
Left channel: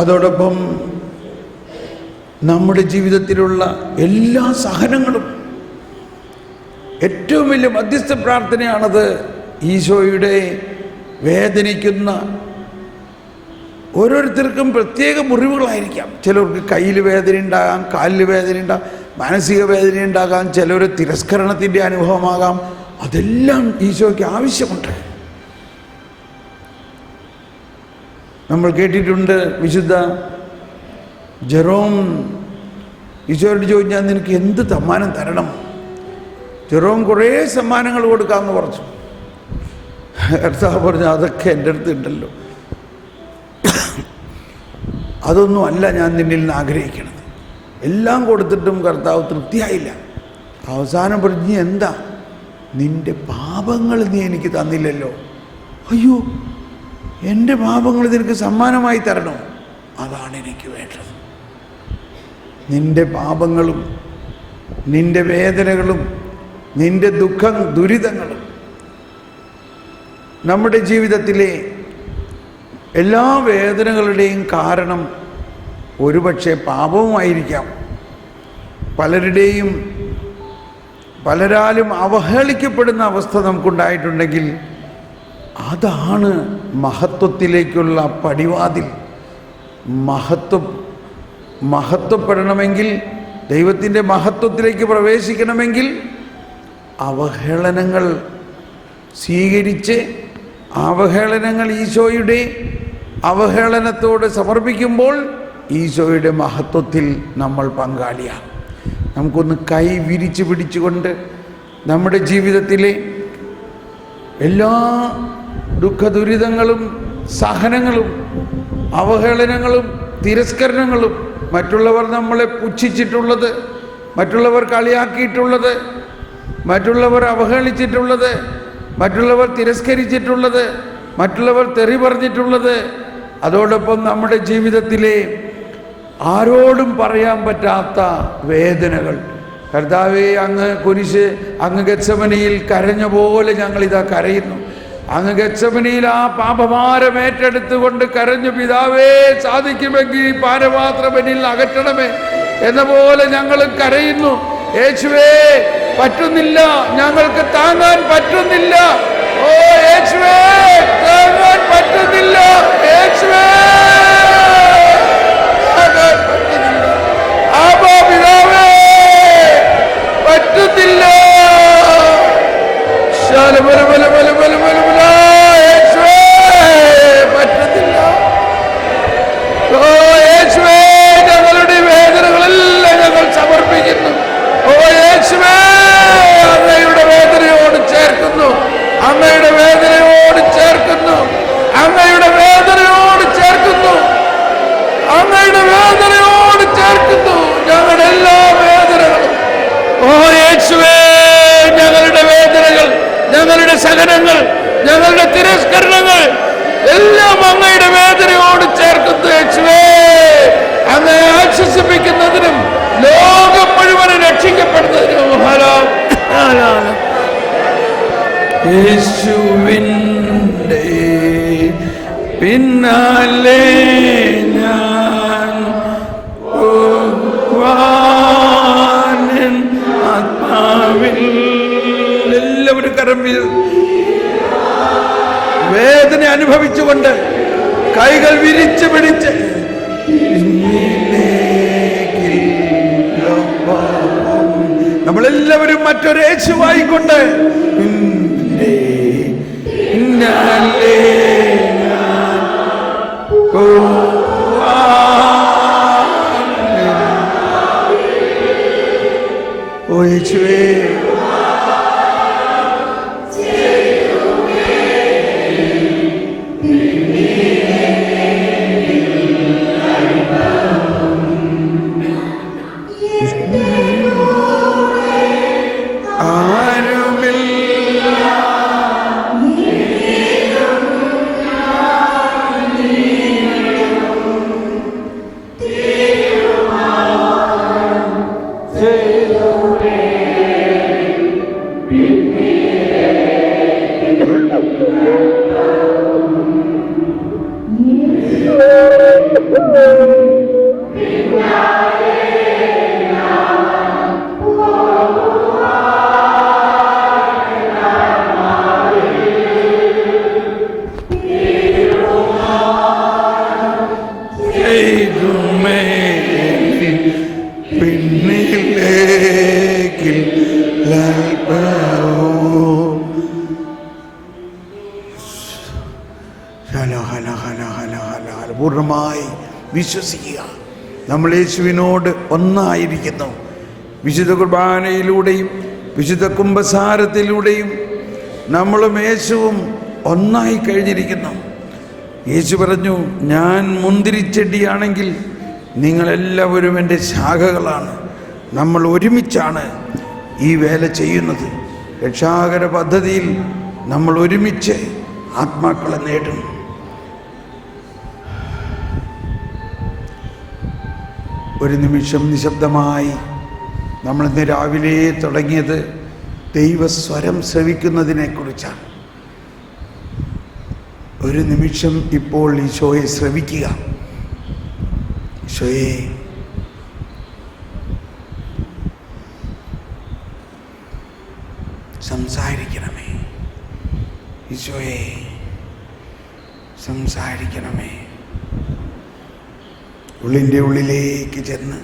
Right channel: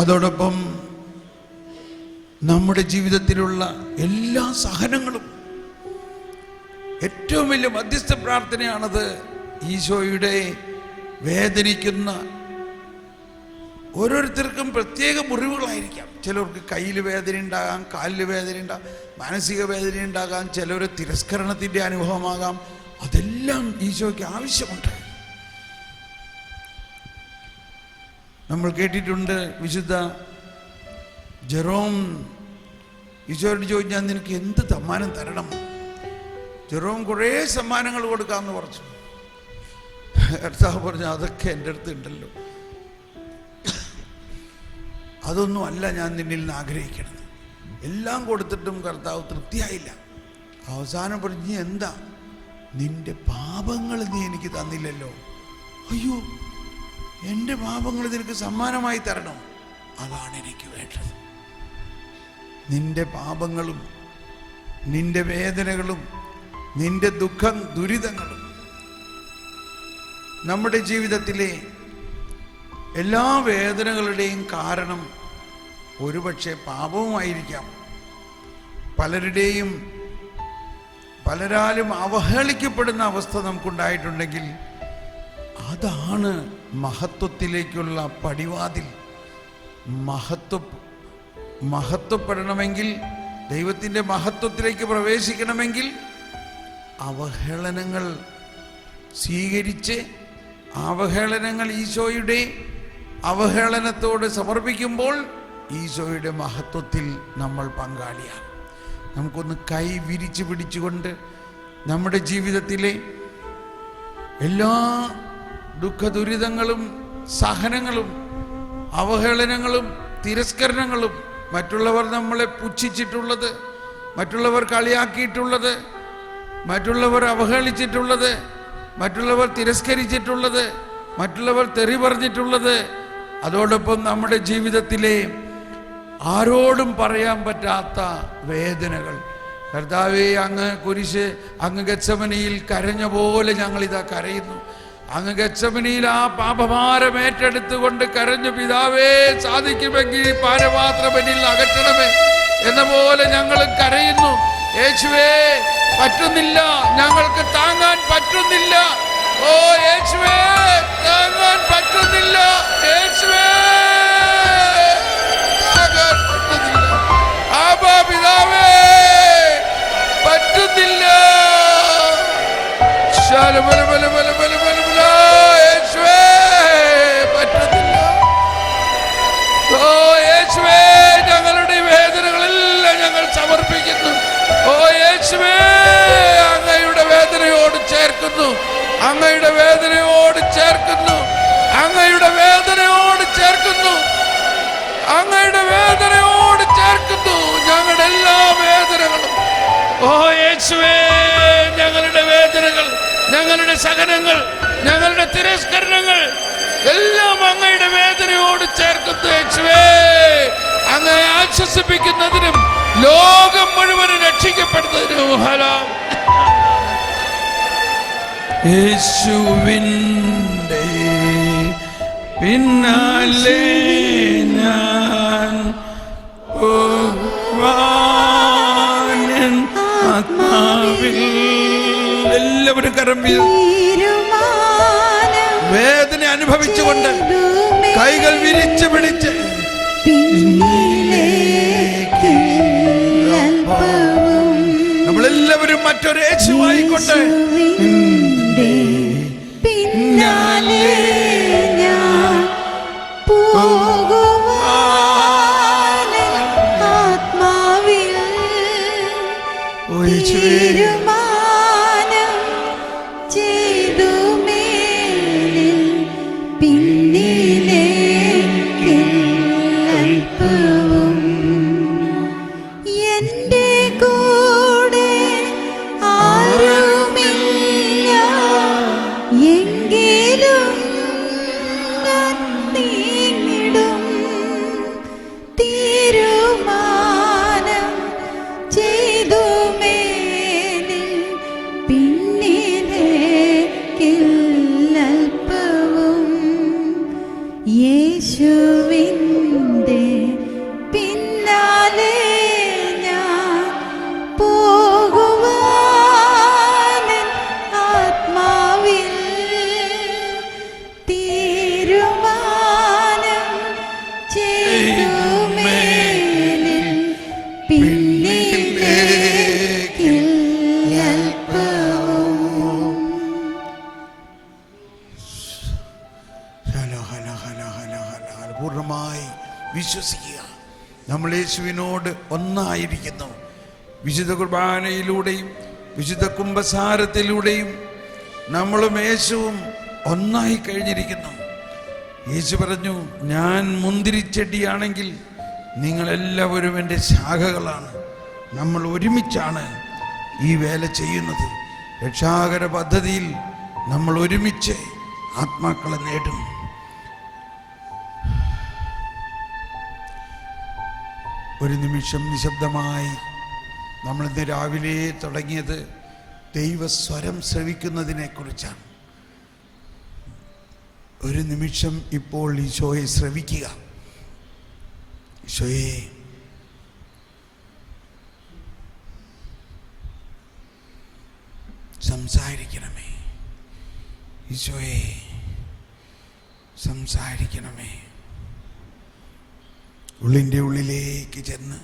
അതോടൊപ്പം നമ്മുടെ ജീവിതത്തിലുള്ള എല്ലാ സഹനങ്ങളും ഏറ്റവും വലിയ മധ്യസ്ഥ പ്രാർത്ഥനയാണത്. ഈശോയുടെ വേദനിക്കുന്ന ഓരോരുത്തർക്കും പ്രത്യേക മുറിവുകളായിരിക്കാം. ചിലർക്ക് കയ്യിൽ വേദന ഉണ്ടാകാം, കാലിൽ വേദന ഉണ്ടാകാം, മാനസിക വേദന ഉണ്ടാകാം, ചിലർ തിരസ്കരണത്തിൻ്റെ അനുഭവമാകാം. അതെല്ലാം ഈശോയ്ക്ക് ആവശ്യമുണ്ട്. നമ്മൾ കേട്ടിട്ടുണ്ട്, വിശുദ്ധ ജെറോം ഈശോയോട് ചോദിച്ചാൽ നിനക്ക് എന്ത് സമ്മാനം തരണം? ജെറോം കുറേ സമ്മാനങ്ങൾ കൊടുക്കാമെന്ന് പറഞ്ഞു. കർത്താവ് പറഞ്ഞു, അതൊക്കെ എൻ്റെ അടുത്ത് ഉണ്ടല്ലോ, അതൊന്നും അല്ല ഞാൻ നിന്നിൽ നിന്ന് ആഗ്രഹിക്കണത്. എല്ലാം കൊടുത്തിട്ടും കർത്താവ് തൃപ്തിയായില്ല. അവസാനം പറഞ്ഞു, എന്താ നിൻ്റെ പാപങ്ങൾ നീ എനിക്ക് തന്നില്ലല്ലോ. അയ്യോ, എൻ്റെ പാപങ്ങൾ നിനക്ക് സമ്മാനമായി തരണം, അതാണ് എനിക്ക് വേണ്ടത്. നിൻ്റെ പാപങ്ങളും നിൻ്റെ വേദനകളും നിൻ്റെ ദുരിതങ്ങളും നമ്മുടെ ജീവിതത്തിലെ എല്ലാ വേദനകളുടെയും കാരണം ഒരുപക്ഷെ പാപവുമായിരിക്കാം. പലരാലും അവഹേളിക്കപ്പെടുന്ന അവസ്ഥ നമുക്കുണ്ടായിട്ടുണ്ടെങ്കിൽ അതാണ് മഹത്വത്തിലേക്കുള്ള പടിവാതിൽ. മഹത്വപ്പെടണമെങ്കിൽ, ദൈവത്തിൻ്റെ മഹത്വത്തിലേക്ക് പ്രവേശിക്കണമെങ്കിൽ അവഹേളനങ്ങൾ സ്വീകരിച്ച് അവഹേളനങ്ങൾ ഈശോയുടെ അവഹേളനത്തോട് സമർപ്പിക്കുമ്പോൾ ഈശോയുടെ മഹത്വത്തിൽ നമ്മൾ പങ്കാളിയാണ്. നമുക്കൊന്ന് കൈ വിരിച്ചു പിടിച്ചുകൊണ്ട് നമ്മുടെ ജീവിതത്തിലെ എല്ലാ ദുഃഖദുരിതങ്ങളും സഹനങ്ങളും അവഹേളനങ്ങളും തിരസ്കരണങ്ങളും, മറ്റുള്ളവർ നമ്മളെ പുച്ഛിച്ചിട്ടുള്ളത്, മറ്റുള്ളവർ കളിയാക്കിയിട്ടുള്ളത്, മറ്റുള്ളവർ അവഹേളിച്ചിട്ടുള്ളത്, മറ്റുള്ളവർ തിരസ്കരിച്ചിട്ടുള്ളത്, മറ്റുള്ളവർ തെറി പറഞ്ഞിട്ടുള്ളത്, അതോടൊപ്പം നമ്മുടെ ജീവിതത്തിലെ ആരോടും പറയാൻ പറ്റാത്ത വേദനകൾ. കർത്താവേ, അങ്ങ് ഗെത്സമനിയിൽ കരഞ്ഞ പോലെ ഞങ്ങളിതാ കരയുന്നു. അങ്ങ് ഗെത്സമനിയിൽ ആ പാപഭാരം ഏറ്റെടുത്തുകൊണ്ട് കരഞ്ഞു, പിതാവേ സാധിക്കുമെങ്കിൽ ഈ പാനപാത്രം എന്നിൽ അകറ്റണമേ എന്ന പോലെ ഞങ്ങൾ കരയുന്നു. യേശുവേ, പറ്റുന്നില്ല, ഞങ്ങൾക്ക് താങ്ങാൻ പറ്റുന്നില്ല. ഓ യേശുവേ, താങ്ങാൻ പറ്റുന്നില്ല. യേശുവേ, പറ്റുന്നില്ല. ആബാ പിതാവേ, പറ്റുന്നില്ല. പറ്റുന്നില്ല. ഓ യേശുവേ, ഞങ്ങളുടെ വേദനകളെല്ലാം ഞങ്ങൾ സമർപ്പിക്കുന്നു. ഓ യേശുവേ, അങ്ങയുടെ വേദനയോട് ചേർക്കുന്നു, അങ്ങയുടെ വേദനയോട് ചേർക്കുന്നു, അങ്ങയുടെ വേദനയോട് ചേർക്കുന്നു, അങ്ങയുടെ വേദനയോട് ചേർക്കുന്നു ഞങ്ങളുടെ എല്ലാ വേദനകളും. ഓ യേശുവേ, ഞങ്ങളുടെ വേദനകൾ, ഞങ്ങളുടെ സഹനങ്ങൾ, ഞങ്ങളുടെ തിരസ്കരണങ്ങൾ എല്ലാം അങ്ങയുടെ വേദനയോട് ചേർക്കുന്നു. യേശുവേ, അങ്ങ് ആശ്വസിപ്പിക്കുന്നതിനും ലോകം മുഴുവനും രക്ഷിക്കപ്പെടുന്നതിനും യേശുവിൻ്റെ പിന്നാലെ ഞാൻ ആത്മാവിൽ. എല്ലാവരും കരം വേദന അനുഭവിച്ചുകൊണ്ട് കൈകൾ വിരിച്ചു പിടിച്ച് നമ്മളെല്ലാവരും മറ്റൊരു യേശുവായിക്കൊണ്ട് ഓ യേശുവേ പൂർണ്ണമായി വിശ്വസിക്കുക. നമ്മൾ യേശുവിനോട് ഒന്നായിരിക്കുന്നു. വിശുദ്ധ കുർബാനയിലൂടെയും വിശുദ്ധ കുംഭസാരത്തിലൂടെയും നമ്മളും യേശുവും ഒന്നായി കഴിഞ്ഞിരിക്കുന്നു. യേശു പറഞ്ഞു, ഞാൻ മുന്തിരിച്ചെടിയാണെങ്കിൽ നിങ്ങളെല്ലാവരും എൻ്റെ ശാഖകളാണ്. നമ്മൾ ഒരുമിച്ചാണ് ഈ വേല ചെയ്യുന്നത്. രക്ഷാകര പദ്ധതിയിൽ നമ്മൾ ഒരുമിച്ച് ആത്മാക്കളെ നേടും. ഒരു നിമിഷം നിശബ്ദമായി നമ്മളിന്ന് രാവിലെ തുടങ്ങിയത് ദൈവസ്വരം ശ്രവിക്കുന്നതിനെക്കുറിച്ചാണ്. ഒരു നിമിഷം ഇപ്പോൾ ഈശോയെ ശ്രവിക്കുക. ഈശോയെ, സംസാരിക്കണമേ. ഈശോയെ, സംസാരിക്കണമേ. ഉള്ളിൻ്റെ ഉള്ളിലേക്ക് ചെന്ന്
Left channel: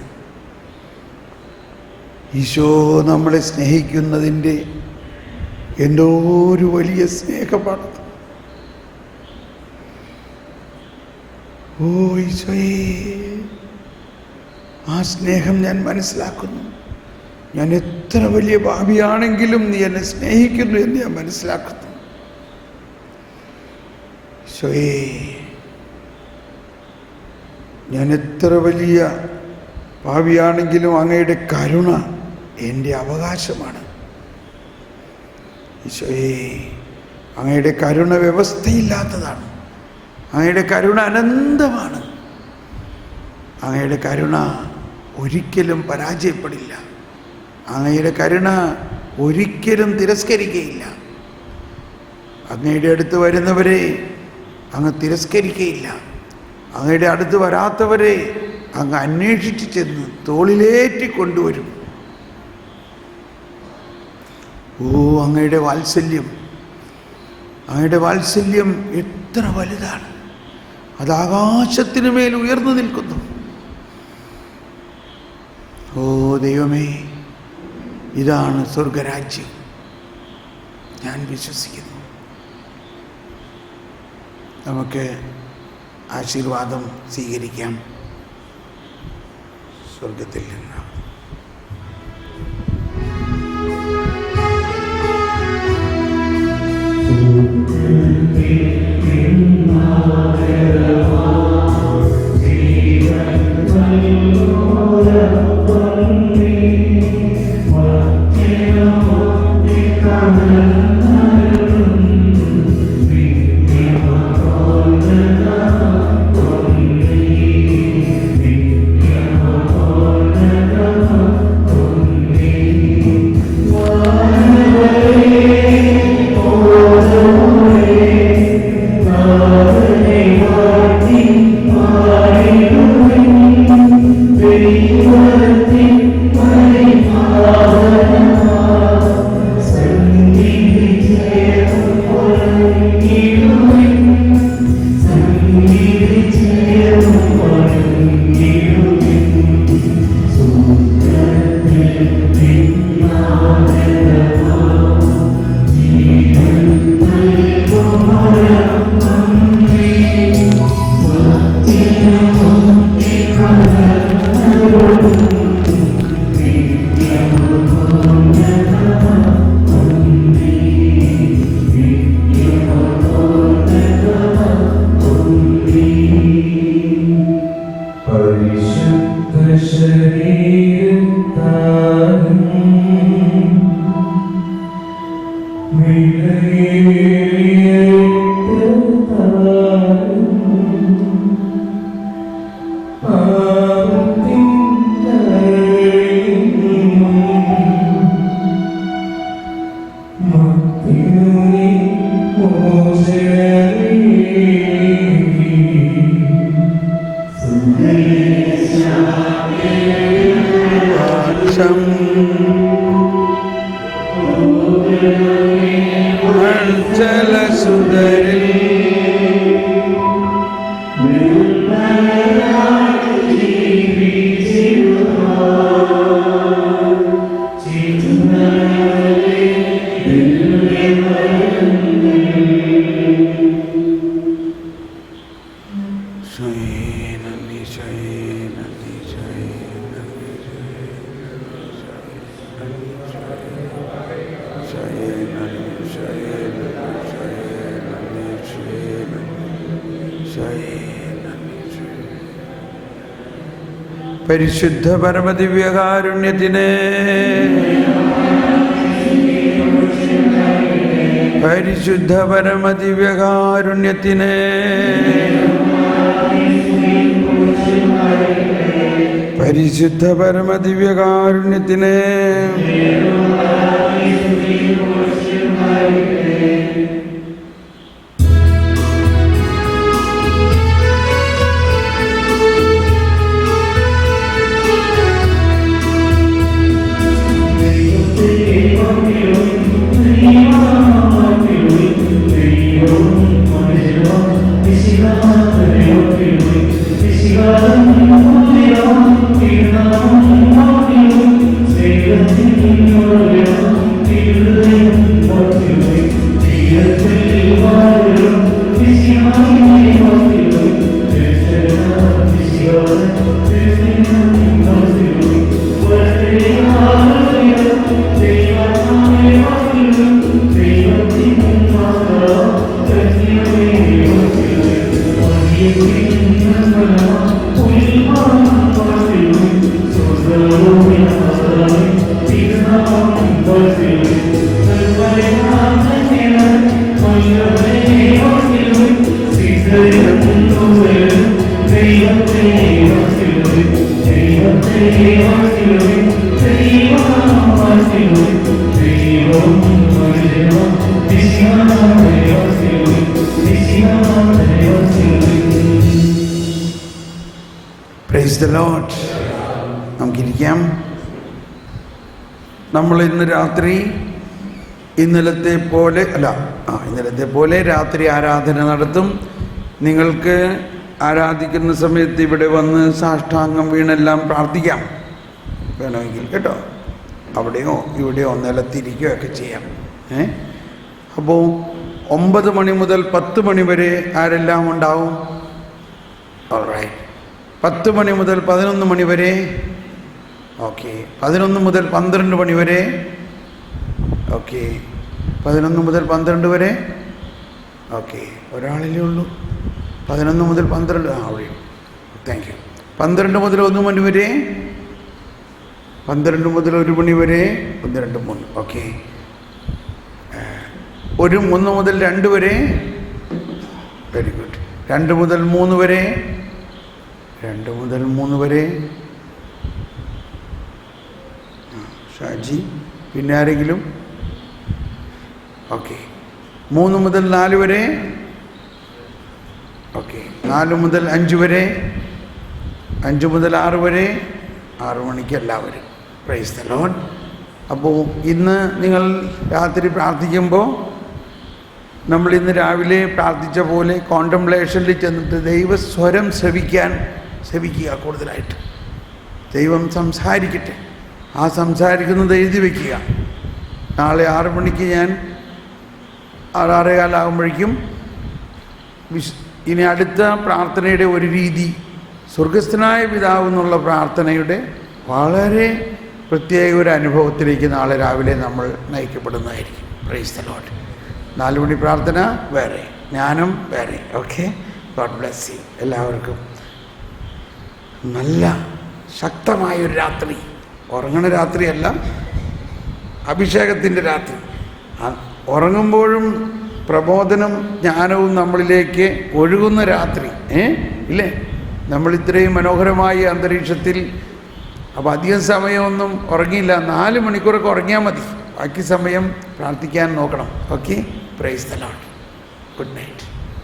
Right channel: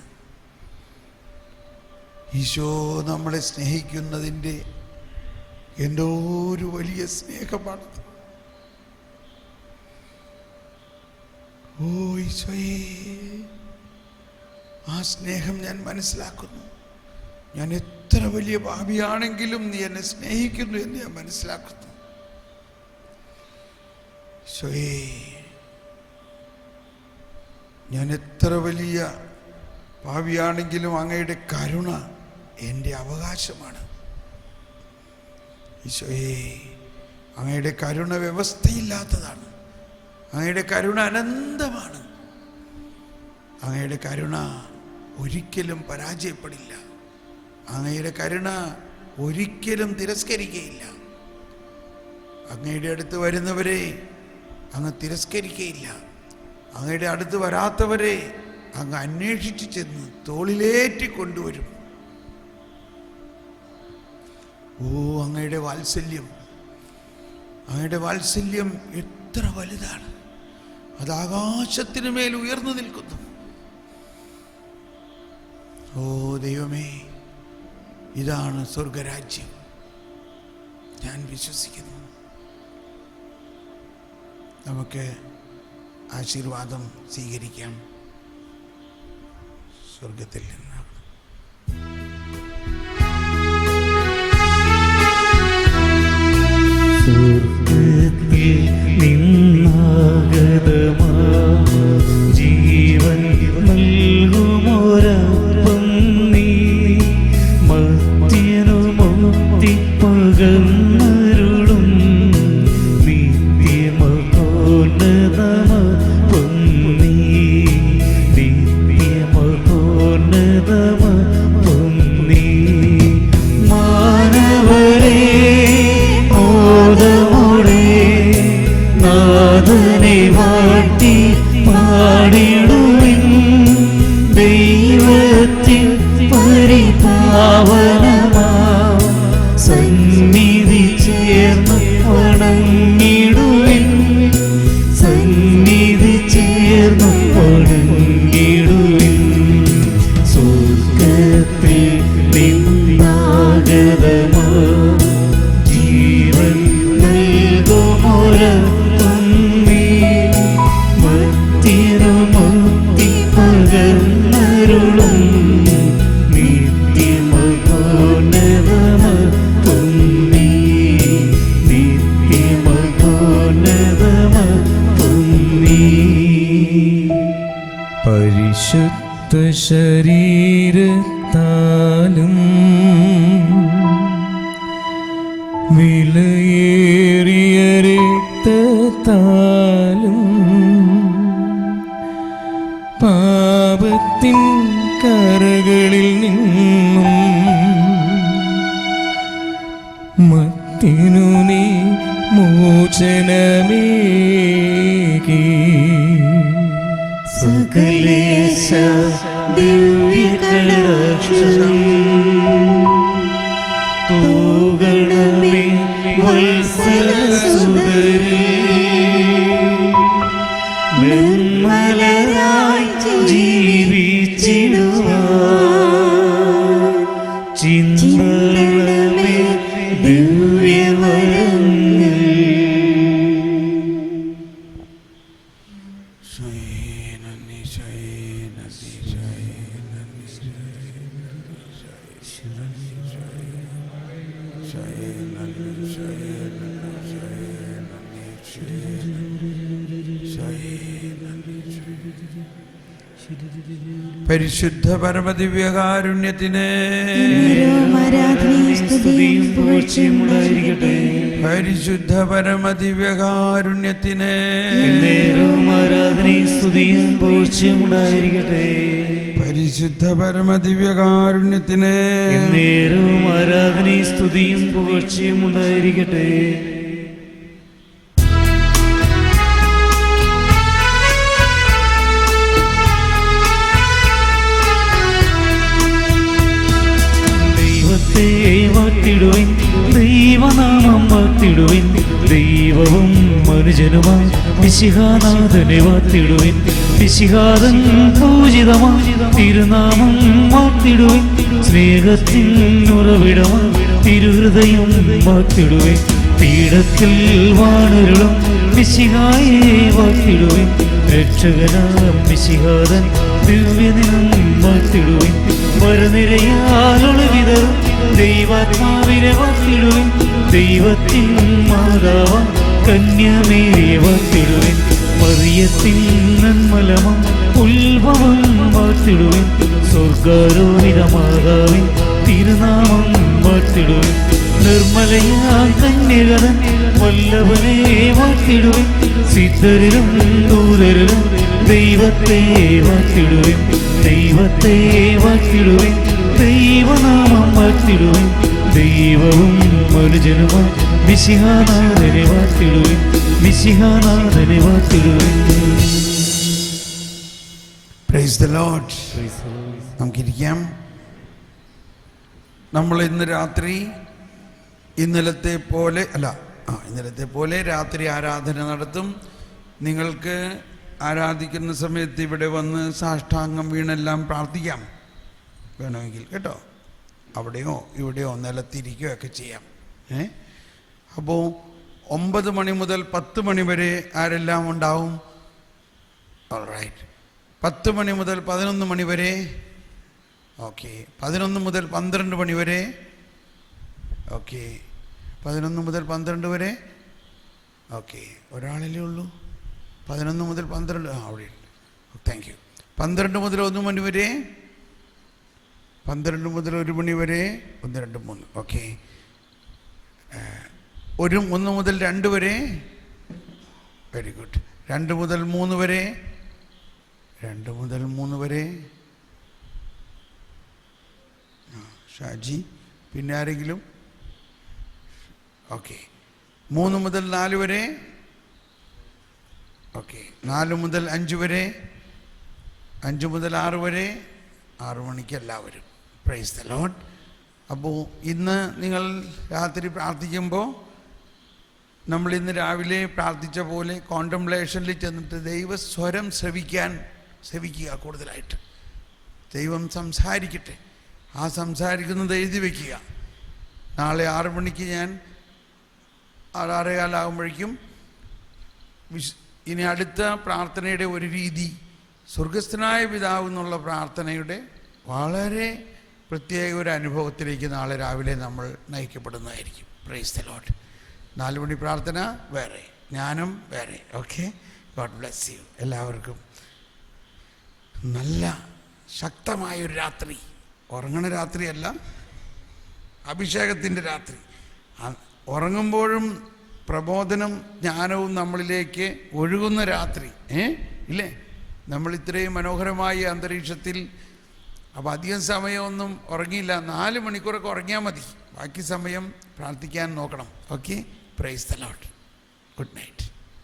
ഈശോ നമ്മളെ സ്നേഹിക്കുന്നതിൻ്റെ എന്തോ ഒരു വലിയ സ്നേഹമാണ്. ഓ ഈശോയെ, ആ സ്നേഹം ഞാൻ മനസ്സിലാക്കുന്നു. ഞാൻ എത്ര വലിയ പാപിയാണെങ്കിലും നീ എന്നെ സ്നേഹിക്കുന്നു എന്ന് ഞാൻ മനസ്സിലാക്കുന്നു. ഈശോയെ, ഞാൻ എത്ര വലിയ പാപിയാണെങ്കിലും അങ്ങയുടെ കരുണ എൻ്റെ അവകാശമാണ്. ഈശോയെ, അങ്ങയുടെ കരുണ വ്യവസ്ഥയില്ലാത്തതാണ്. അങ്ങയുടെ കരുണ അനന്തമാണ്. അങ്ങയുടെ കരുണ ഒരിക്കലും പരാജയപ്പെടില്ല. അങ്ങയുടെ കരുണ ഒരിക്കലും തിരസ്കരിക്കുകയില്ല. അങ്ങയുടെ അടുത്ത് വരുന്നവരെ അങ്ങ് തിരസ്കരിക്കുകയില്ല. അങ്ങയുടെ അടുത്ത് വരാത്തവരെ അങ്ങ് അന്വേഷിച്ച് ചെന്ന് തോളിലേറ്റി കൊണ്ടുവരും. ഓ, അങ്ങയുടെ വാത്സല്യം എത്ര വലുതാണ്! അത് ആകാശത്തിനു മേൽ ഉയർന്നു നിൽക്കുന്നു. ഓ ദൈവമേ, ഇതാണ് സ്വർഗരാജ്യം. ഞാൻ വിശ്വസിക്കുന്നു. നമുക്ക് ആശീർവാദം സ്വീകരിക്കാം സ്വർഗത്തിൽ നിന്ന്. Be ശരീരത്താലും വിലയേറിയ രക്തത്താലും പാപത്തിൻ കരകളിൽ നിന്നും മത്തിനു നീ മോചനമേകി. സകലേശ ദിവ്യകടാക്ഷം തൂകണമേ വത്സലസുതരേ. നിർമ്മലരായി ജീവിച്ചിടുവാൻ ചിന്തകളെ ദിവ്യമരങ്ങൾ. പരിശുദ്ധ പരമദിവ്യകാരുണ്യത്തിന്, പരിശുദ്ധ പരമദിവ്യകാരുണ്യത്തിന്, പരിശുദ്ധ പരമദിവ്യകാരുണ്യത്തിന്. ദൈവവും മനുജനുമാം മിശിഹാനാഥനെ വാഴ്ത്തിടുവിൻ. മിശിഹാതൻ പൂജിതമാം തിരുനാമം വാഴ്ത്തിടുവിൻ. സ്നേഹത്തിൻ ഉറവിടം തിരുഹൃദയം വാഴ്ത്തിടുവിൻ. പീഠത്തിൽ വാണരുളും മിശിഹായെ വാഴ്ത്തിടുവിൻ. രക്ഷകനാം മിശിഹാതൻ ദിവ്യദിനം വാഴ്ത്തിടുവിൻ. വരനിരയാളുവിധ ദൈവാത്മാവിനെ വാഴ്ത്തിടുവിൻ. ദൈവത്തിൻ മാതാവാം കന്യമേ വാഴ്ത്തിടുവിൻ. മറിയത്തിൻ നിർമ്മലമാം ഉൽവാൻ വാഴ്ത്തിടുവിൻ. സ്വർഗ്ഗാരോപിത മാതാവിൻ തിരുനാമം വാഴ്ത്തിടുവിൻ. നിർമ്മലയാം കന്യകേ വല്ലഭനെ വാഴ്ത്തിടുവിൻ. സിദ്ധരും ദൂതരും ദൈവത്തെ വാഴ്ത്തിടുവിൻ. ദൈവത്തെ വാഴ്ത്തിടുവിൻ. ദൈവനാമം വാഴ്ത്തിടുവിൻ. ദൈവവും മനുജനും മിശിഹാനാഥനെ വാഴ്ത്തിടുവിൻ. മിശിഹാനാഥനെ വാഴ്ത്തിടുവിൻ. Praise the Lord. നമുക്കിരിക്കാം. നമ്മൾ ഇന്ന് രാത്രി ഇന്നലത്തെ പോലെ രാത്രി ആരാധന നടത്തും. നിങ്ങൾക്ക് ആരാധിക്കുന്ന സമയത്ത് ഇവിടെ വന്ന് സാഷ്ടാംഗം വീണെല്ലാം പ്രാർത്ഥിക്കാം വേണമെങ്കിൽ, കേട്ടോ. അവിടെയോ ഇവിടെയോ നിലത്തിരിക്കുകയോ ഒക്കെ ചെയ്യാം. അപ്പോൾ 9 മണി മുതൽ 10 മണി വരെ ആരെല്ലാം ഉണ്ടാവും? ഓൾറൈറ്റ്. 10 മണി മുതൽ 11 മണി വരെ. ഓക്കെ. 11 മുതൽ 12 മണി വരെ. ഓക്കെ. 11 മുതൽ 12 വരെ. ഓക്കെ. ഒരാളല്ലേ ഉള്ളൂ. 11 മുതൽ 12. അവിടെ. Thank you. 12 മുതൽ 1 മണി വരെ. 12 മുതൽ 1 മണി വരെ. 1, 2, 3. ഓക്കെ. 1 മുതൽ 2 വരെ. Very good. 2 മുതൽ 3 വരെ. 2 മുതൽ 3 വരെ. ഷാജി. പിന്നെ ആരെങ്കിലും? ഓക്കെ. 3 മുതൽ 4 വരെ. ഓക്കെ. 4 മുതൽ 5 വരെ. 5 മുതൽ 6 വരെ. 6 മണിക്ക് എല്ലാവരും. Price the Lord. അപ്പോൾ ഇന്ന് നിങ്ങൾ രാത്രി പ്രാർത്ഥിക്കുമ്പോൾ നമ്മൾ ഇന്ന് രാവിലെ പ്രാർത്ഥിച്ച പോലെ കോണ്ടംപ്ലേഷനിൽ ചെന്നിട്ട് ദൈവസ്വരം ശ്രവിക്കുക. കൂടുതലായിട്ട് ദൈവം സംസാരിക്കട്ടെ. ആ സംസാരിക്കുന്നത് എഴുതി വയ്ക്കുക. നാളെ 6 മണിക്ക് ഞാൻ 6:15 ആകുമ്പോഴേക്കും ഇനി അടുത്ത പ്രാർത്ഥനയുടെ ഒരു രീതി സ്വർഗസ്ഥനായ പിതാവ് എന്നുള്ള പ്രാർത്ഥനയുടെ വളരെ പ്രത്യേക ഒരു അനുഭവത്തിലേക്ക് നാളെ രാവിലെ നമ്മൾ നയിക്കപ്പെടുന്നതായിരിക്കും. Praise the Lord. 4 മണി പ്രാർത്ഥന വേറെ, ജ്ഞാനം വേറെ. ഓക്കെ. God bless you. എല്ലാവർക്കും നല്ല ശക്തമായൊരു രാത്രി, ഉറങ്ങണ രാത്രിയല്ല, അഭിഷേകത്തിൻ്റെ രാത്രി. ഉറങ്ങുമ്പോഴും പ്രബോധനം ജ്ഞാനവും നമ്മളിലേക്ക് ഒഴുകുന്ന രാത്രി, ഇല്ലേ? നമ്മളിത്രയും മനോഹരമായ അന്തരീക്ഷത്തിൽ. അപ്പോൾ അധികം സമയമൊന്നും ഉറങ്ങിയില്ല, 4 മണിക്കൂറൊക്കെ ഉറങ്ങിയാൽ മതി. ബാക്കി സമയം പ്രാർത്ഥിക്കാൻ നോക്കണം. Okay, praise the Lord. Good night.